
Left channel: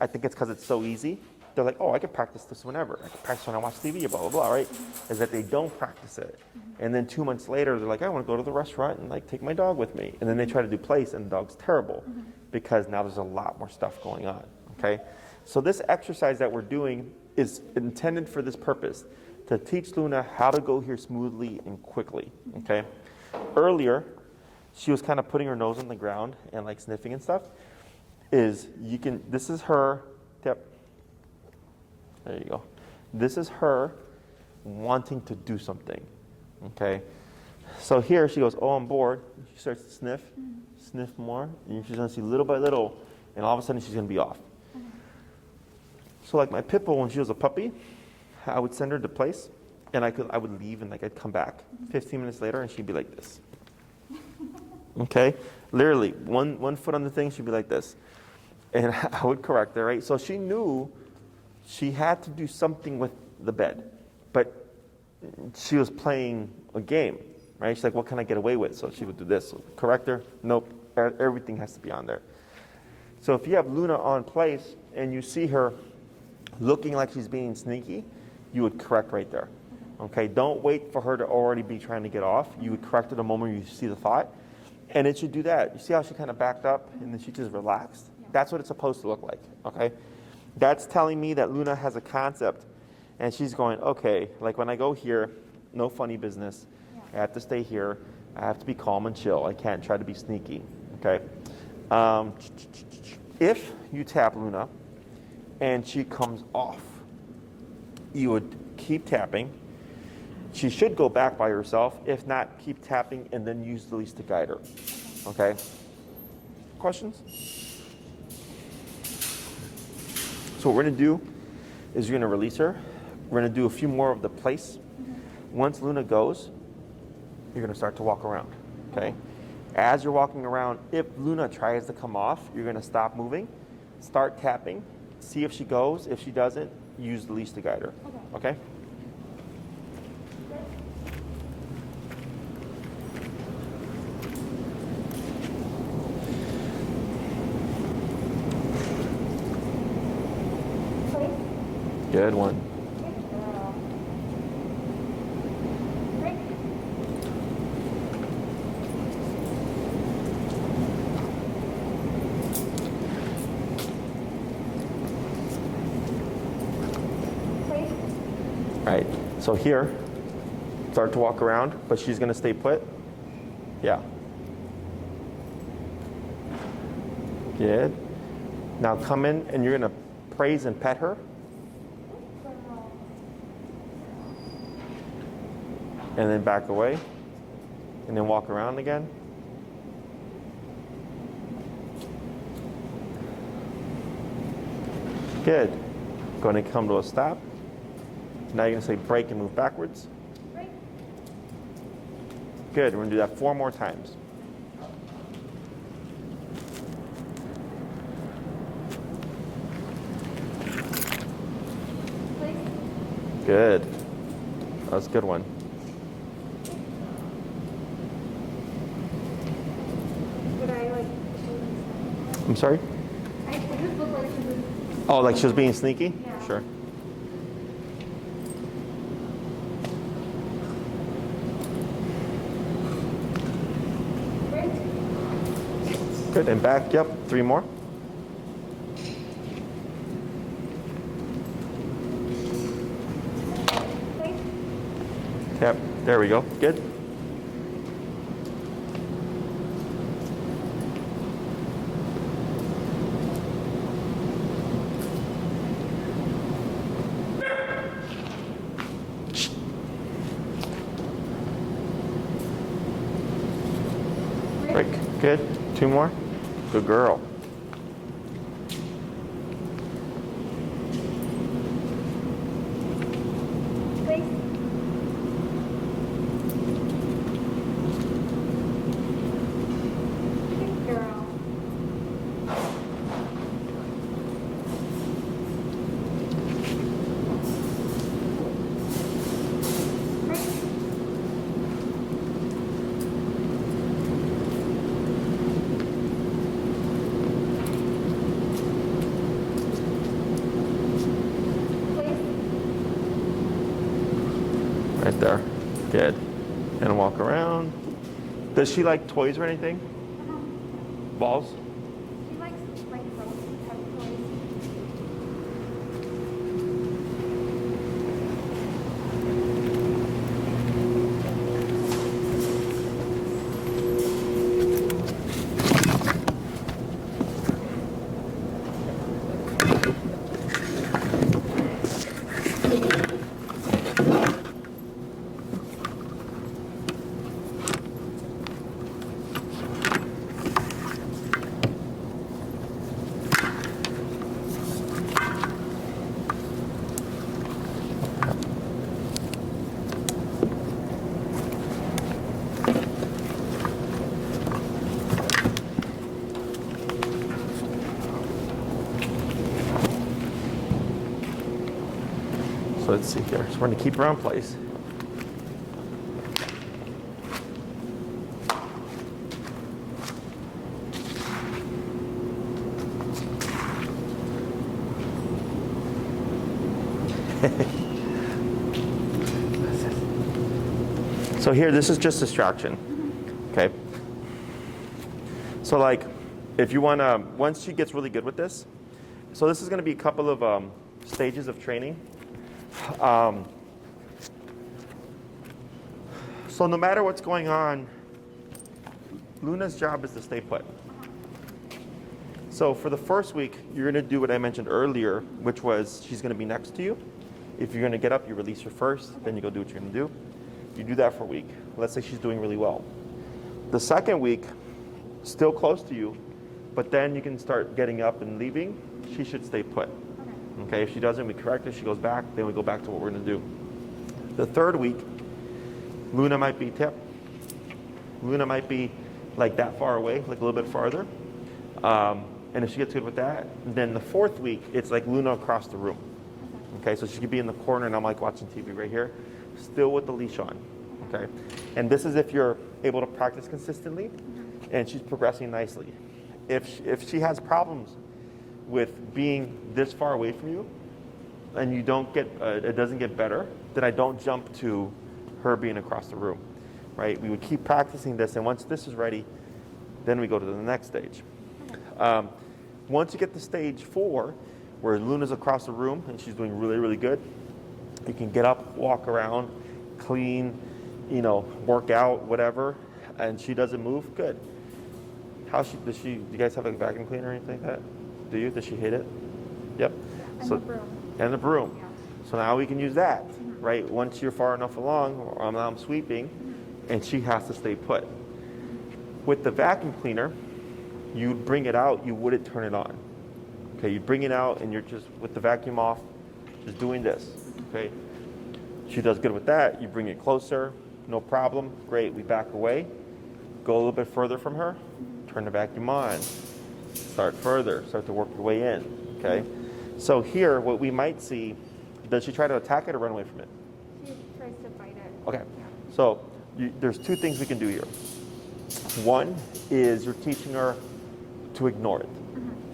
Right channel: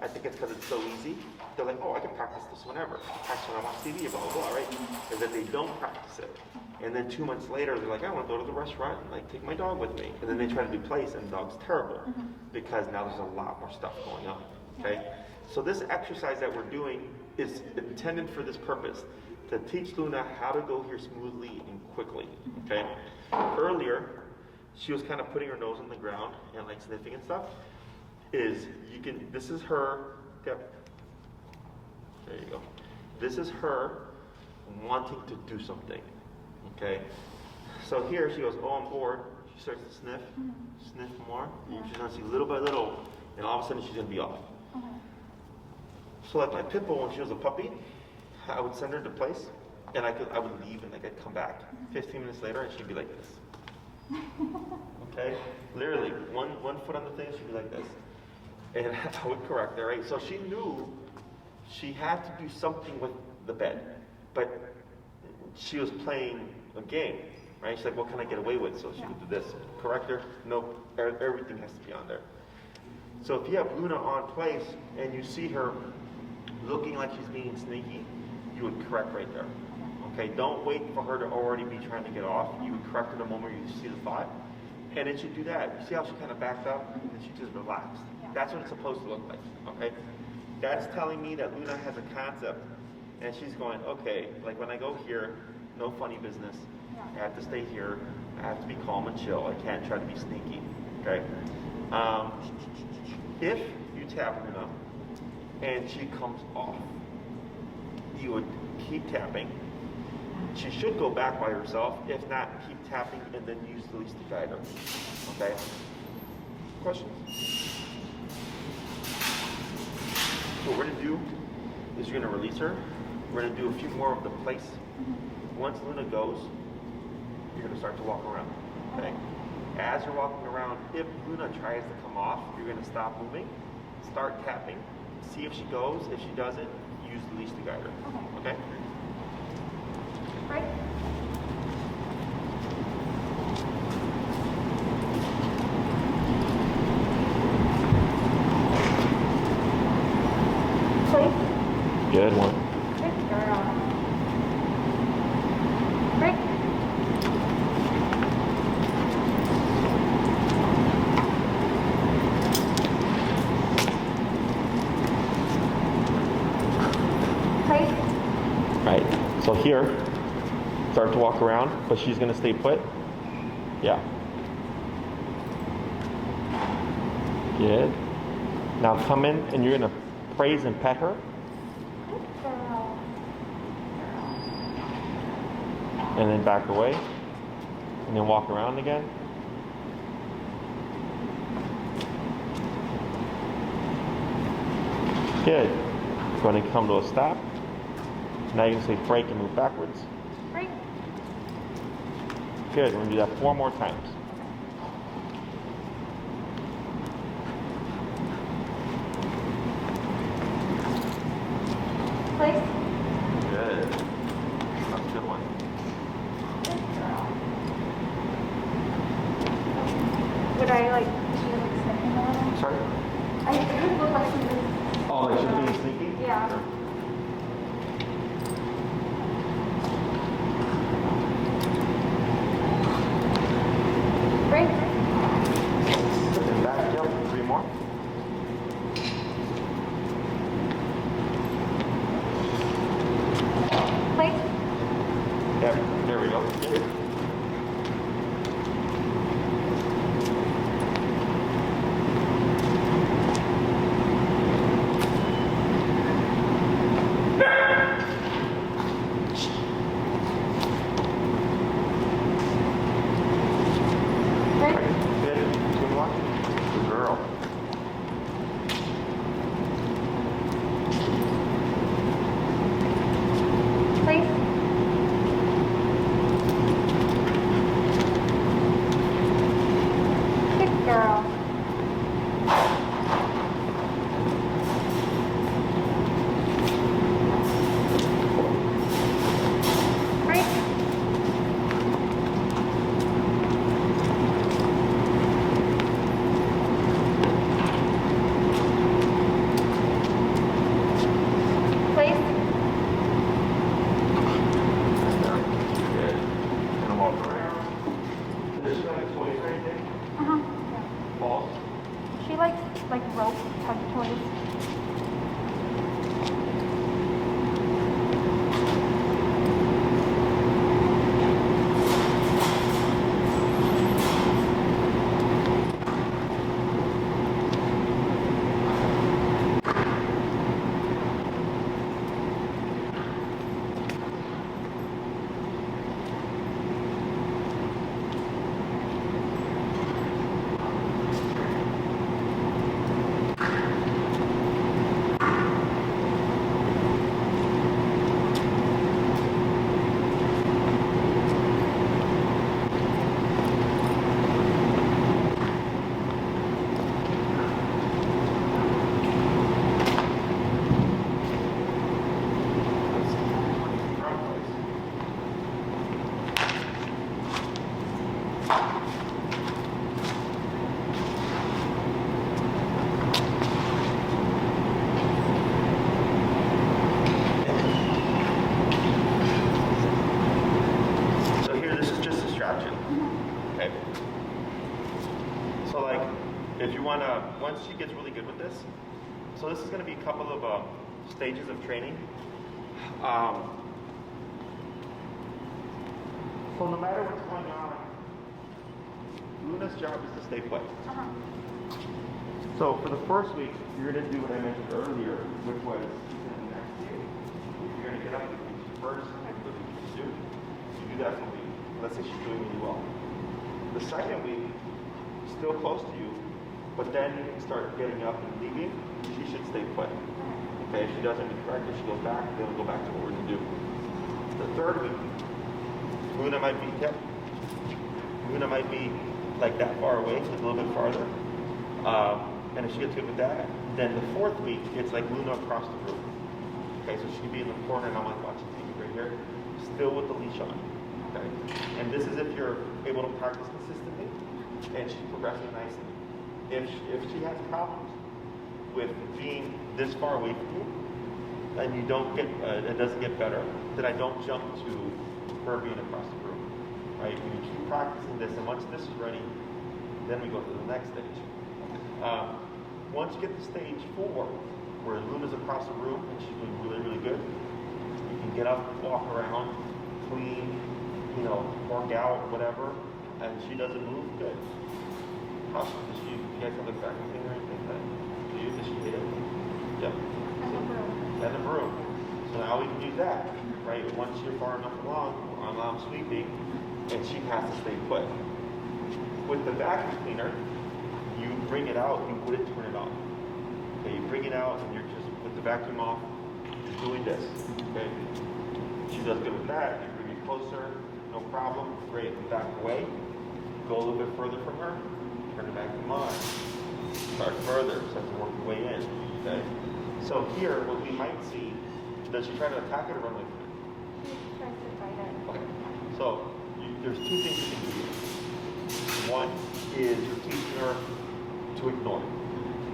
I think it's because it's so easy. They're like, oh, I can practice this whenever. I can practice when I watch TV, blah, blah, blah, right? Is that they don't practice it. And then 2 months later, they're like, I want to go to the restaurant and like take my dog with me. And then they try to do place and the dog's terrible because now there's a lot more stuff going on, okay? So this exercise that we're doing is intended for this purpose, to teach Luna how to go here smoothly and quickly, okay? Earlier, she was kind of putting her nose on the ground and like sniffing and stuff. This is her, there you go. This is her wanting to do something, okay? So here she goes, oh, I'm bored. She starts to sniff more, and she's gonna see little by little, and all of a sudden she's gonna be off. So like my pit bull, when she was a puppy, I would send her to place, and I would leave, and like I'd come back 15 minutes later, and she'd be like this. Okay, literally one foot on the thing, she'd be like this, and I would correct her. Right, so she knew she had to do something with the bed, but she was playing a game. Right, she's like, what can I get away with? So she would do this. Correct her. Nope. Everything has to be on there. So if you have Luna on place and you see her looking like she's being sneaky, you would correct right there. Okay, don't wait for her to already be trying to get off. You would correct her the moment you see the thought, and it should do that. You see how she kind of backed up and then she just relaxed? That's what it's supposed to look like, okay? That's telling me that Luna has a concept And she's going, okay, like when I go here, no funny business. I have to stay here. I have to be calm and chill. I can't try to be sneaky. Okay. If you tap Luna and she comes off, you would keep tapping. She should go back by herself. If not, keep tapping and then use the leash to guide her. Okay? Questions? So what we're going to do is you're going to release her. We're going to do a few more of the place. Once Luna goes, you're going to start to walk around. Okay? As you're walking around, if Luna tries to come off, you're going to stop moving, start tapping, see if she goes. If she doesn't, use the leash to guide her. Okay? Right. Place. Good one. Good girl. Right. Place. Right. So here, start to walk around, but she's going to stay put. Yeah. Good. Now come in and you're going to praise and pet her. Good girl. And then back away. And then walk around again. Good. Go ahead and come to a stop. Now you're going to say break and move backwards. Right. Good. We're going to do that 4 more times. Place. Good. That was a good one. Good girl. Would I like, is she like sniffing a little? I'm sorry? It just looked like she was. Oh, like she was being sneaky? Yeah. Sure. Right. Good. And back. Yep. 3 more. Place. Yeah. There we go. Good. Right. Great. Good. 2 more. Good girl. Place. Good girl. Right. Place. Right there. Good. And walk around. Does she like toys or anything? Uh-huh. Yeah. Balls? She likes like rope type toys. So let's see here. So we're going to keep her in place. So here, this is just distraction. Okay. So like, if you want to, once she gets really good with this, so this is going to be a couple of stages of training. Um, so no matter what's going on, Luna's job is to stay put. So for the first week, you're going to do what I mentioned earlier, which was she's going to be next to you. If you're going to get up, you release her first, then you go do what you're going to do. You do that for a week. Let's say she's doing really well. The second week, still close to you, but then you can start getting up and leaving. She should stay put. Okay, if she doesn't, we correct her, she goes back, then we go back to what we're going to do. The third week, Luna might be tipped. Luna might be like that far away, like a little bit farther. And if she gets good with that, then the fourth week, it's like Luna across the room. Okay, so she could be in the corner and I'm like watching TV right here, still with the leash on. Okay, and this is if you're able to practice consistently and she's progressing nicely. If she has problems with being this far away from you and you don't get, it doesn't get better, then I don't jump to her being across the room, right? We would keep practicing this, and once this is ready, then we go to the next stage. Once you get to stage 4, where Luna's across the room and she's doing really, really good, you can get up, walk around, clean, work out, whatever, and she doesn't move, good. Does you guys have a vacuum cleaner or anything like that? Do you? Does she hit it? Yep. And a broom. So now we can use that, right? Once you're far enough along, I'm now sweeping, and she has to stay put. With the vacuum cleaner, you bring it out, you wouldn't turn it on. Okay, you bring it out and you're just, with the vacuum off, just doing this, okay? She does good with that, you bring it closer, no problem, great, we back away, go a little bit further from her, turn the vacuum on, start further, start to work your way in, okay? So here, what we might see, does she try to attack it or run away from it? She tries to fight it. Okay, so there's 2 things you can do here. One is you're teaching her to ignore it.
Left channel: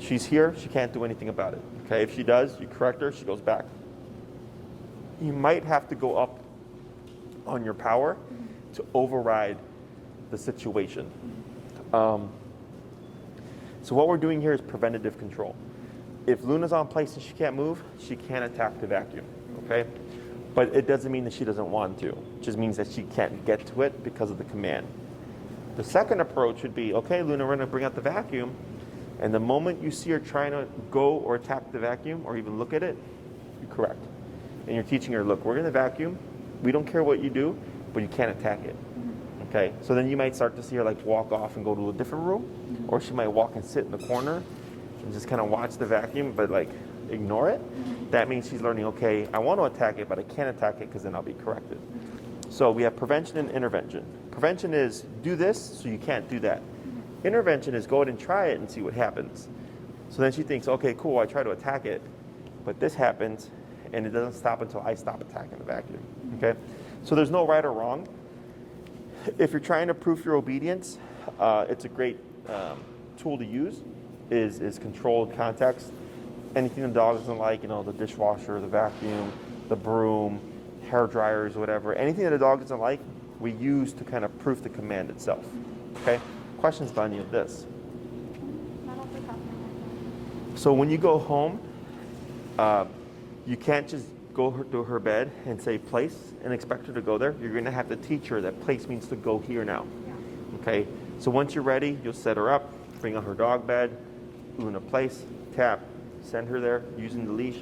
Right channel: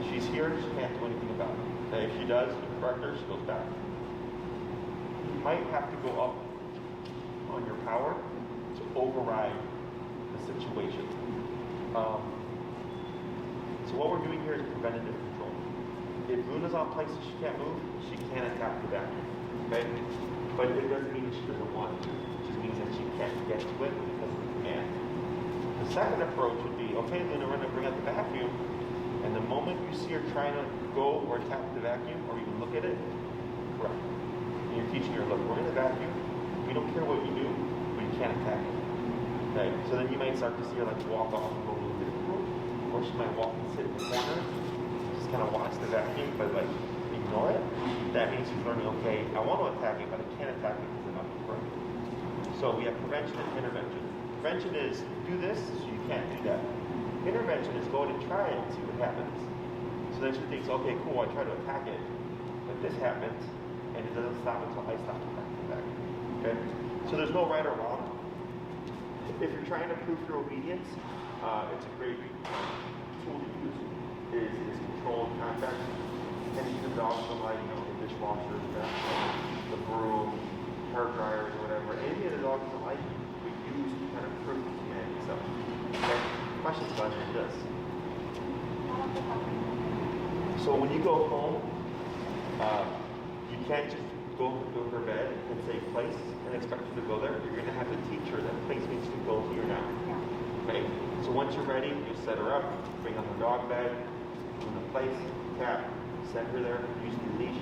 She's here, she can't do anything about it. Okay, if she does, you correct her, she goes back. You might have to go up on your power to override the situation. So what we're doing here is preventative control. If Luna's on place and she can't move, she can attack the vacuum. Okay? But it doesn't mean that she doesn't want to. It just means that she can't get to it because of the command. The second approach would be, okay, Luna, we're going to bring out the vacuum, and the moment you see her trying to go or attack the vacuum or even look at it, correct. And you're teaching her, look, we're in the vacuum, we don't care what you do, but you can't attack it. Okay, so then you might start to see her like walk off and go to a different room, or she might walk and sit in the corner and just kind of watch the vacuum, but like ignore it. That means she's learning, okay, I want to attack it, but I can't attack it because then I'll be corrected. So we have prevention and intervention. Prevention is do this so you can't do that. Intervention is go ahead and try it and see what happens. So then she thinks, okay, cool, I try to attack it, but this happens and it doesn't stop until I stop attacking the vacuum. Okay? So there's no right or wrong. If you're trying to proof your obedience, it's a great tool to use is controlled context. Anything the dog doesn't like, the dishwasher, the vacuum, the broom, hair dryers, whatever, anything that the dog doesn't like, we use to kind of proof the command itself. Okay? Questions about any of this? So when you go home, you can't just go to her bed and say place and expect her to go there. You're going to have to teach her that place means to go here now. Okay? So once you're ready, you'll set her up, bring on her dog bed, put her in a place, tap, send her there using the leash.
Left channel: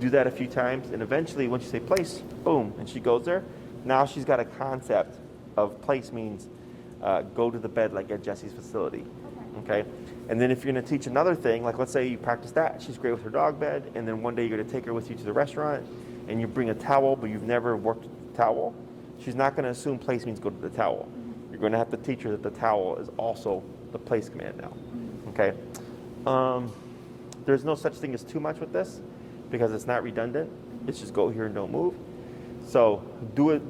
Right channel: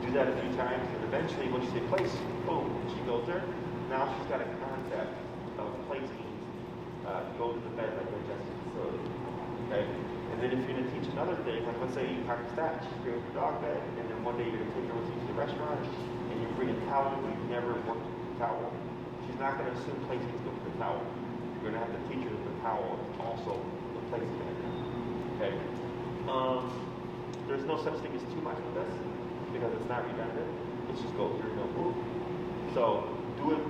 Do that a few times, and eventually, once you say place, boom, and she goes there, now she's got a concept of place means go to the bed like at Jesse's facility, okay? And then if you're going to teach another thing, like let's say you practice that, she's great with her dog bed, and then one day you're going to take her with you to the restaurant, and you bring a towel, but you've never worked with the towel, she's not going to assume place means go to the towel. You're going to have to teach her that the towel is also the place command now, okay? There's no such thing as too much with this, because it's not redundant. It's just go here, no move. So do it,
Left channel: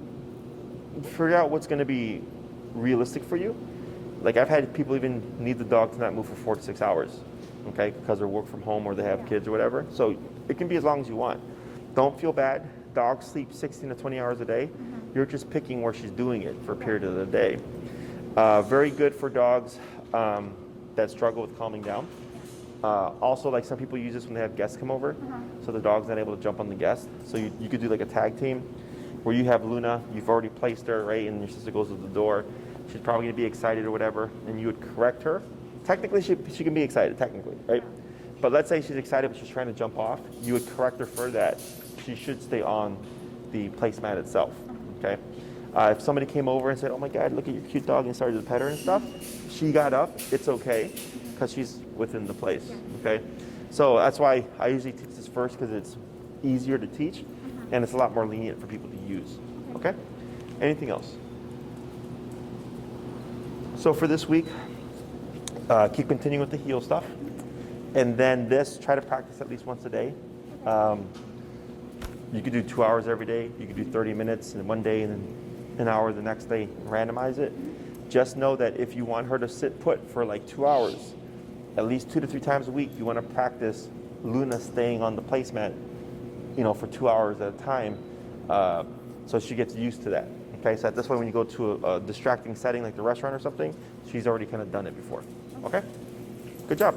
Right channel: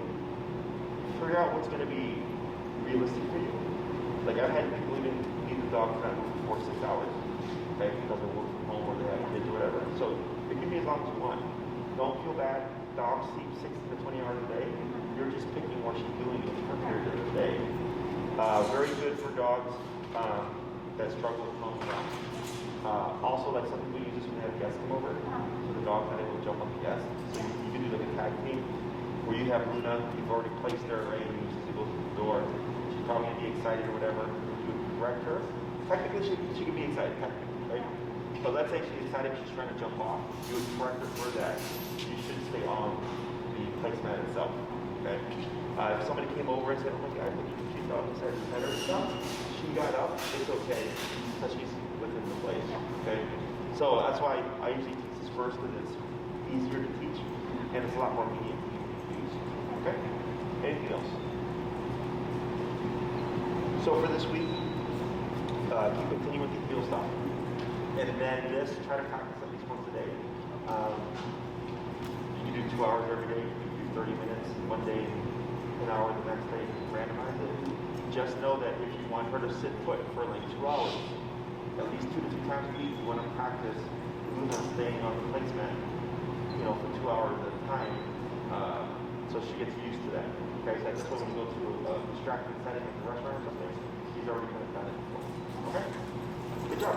figure out what's going to be realistic for you. Like I've had people even need the dog to not move for 4 to 6 hours, okay, because they work from home or they have kids or whatever. So it can be as long as you want. Don't feel bad. Dogs sleep 16 to 20 hours a day. You're just picking where she's doing it for a period of the day. Very good for dogs that struggle with calming down. Also, like some people use this when they have guests come over, so the dog's not able to jump on the guest. So you could do like a tag team where you have Luna, you've already placed her, right, and your sister goes to the door. She's probably going to be excited or whatever, and you would correct her. Technically, she can be excited, technically, right? But let's say she's excited, but she's trying to jump off. You would correct her for that. She should stay on the placemat itself, okay? If somebody came over and said, oh my God, look at your cute dog, and started to pet her and stuff, she got up, it's okay, because she's within the place, okay? So that's why I usually teach this first, because it's easier to teach, and it's a lot more lenient for people to use, okay? Anything else? So for this week, keep continuing with the heel stuff, and then this, try to practice at least once a day. You could do 2 hours every day, you could do 30 minutes in one day, and an hour the next day, randomize it. Just know that if you want her to sit put for like 2 hours, at least 2 to 3 times a week, you want to practice Luna staying on the placemat, for 2 hours at a time, so she gets used to that. Okay, so this way when you go to a distracting setting like the restaurant or something, she's already kind of done it before. Okay? Good job.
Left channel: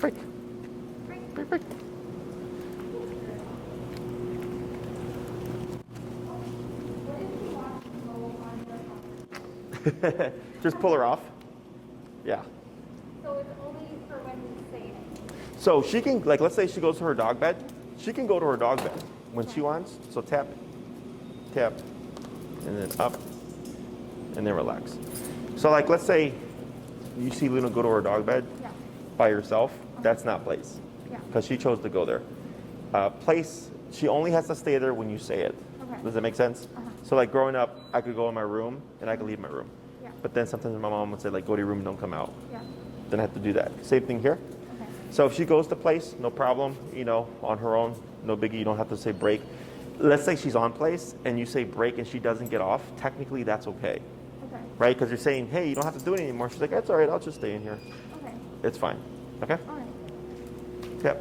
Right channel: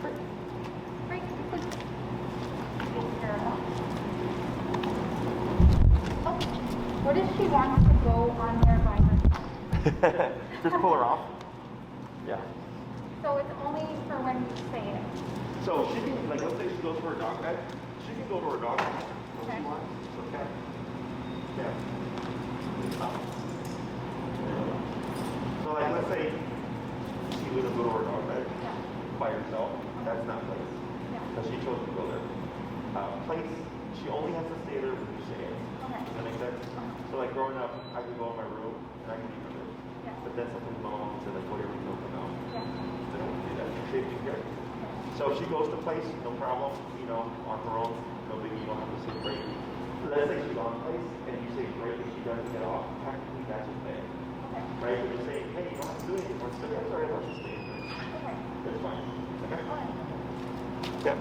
Great. Great. What if she wants to go on there by herself? Just pull her off. Yeah. So it's only for when you say it. So she can, like, let's say she goes to her dog bed. She can go to her dog bed when she wants. So tap, tap, and then up, and then relax. So, like, let's say you see Luna go to her dog bed by herself. That's not place, because she chose to go there. Place, she only has to stay there when you say it. Okay. Does that make sense? So like growing up, I could go in my room and I could leave my room. Yeah. But then sometimes my mom would say like, go to your room, don't come out. Yeah. Then I have to do that. Same thing here. Okay. So if she goes to place, no problem, on her own, no biggie, you don't have to say break. Let's say she's on place and you say break and she doesn't get off, technically that's okay. Okay. Right? Because you're saying, hey, you don't have to do it anymore. She's like, that's all right, I'll just stay in here. Okay. It's fine. Okay? All right. Yeah.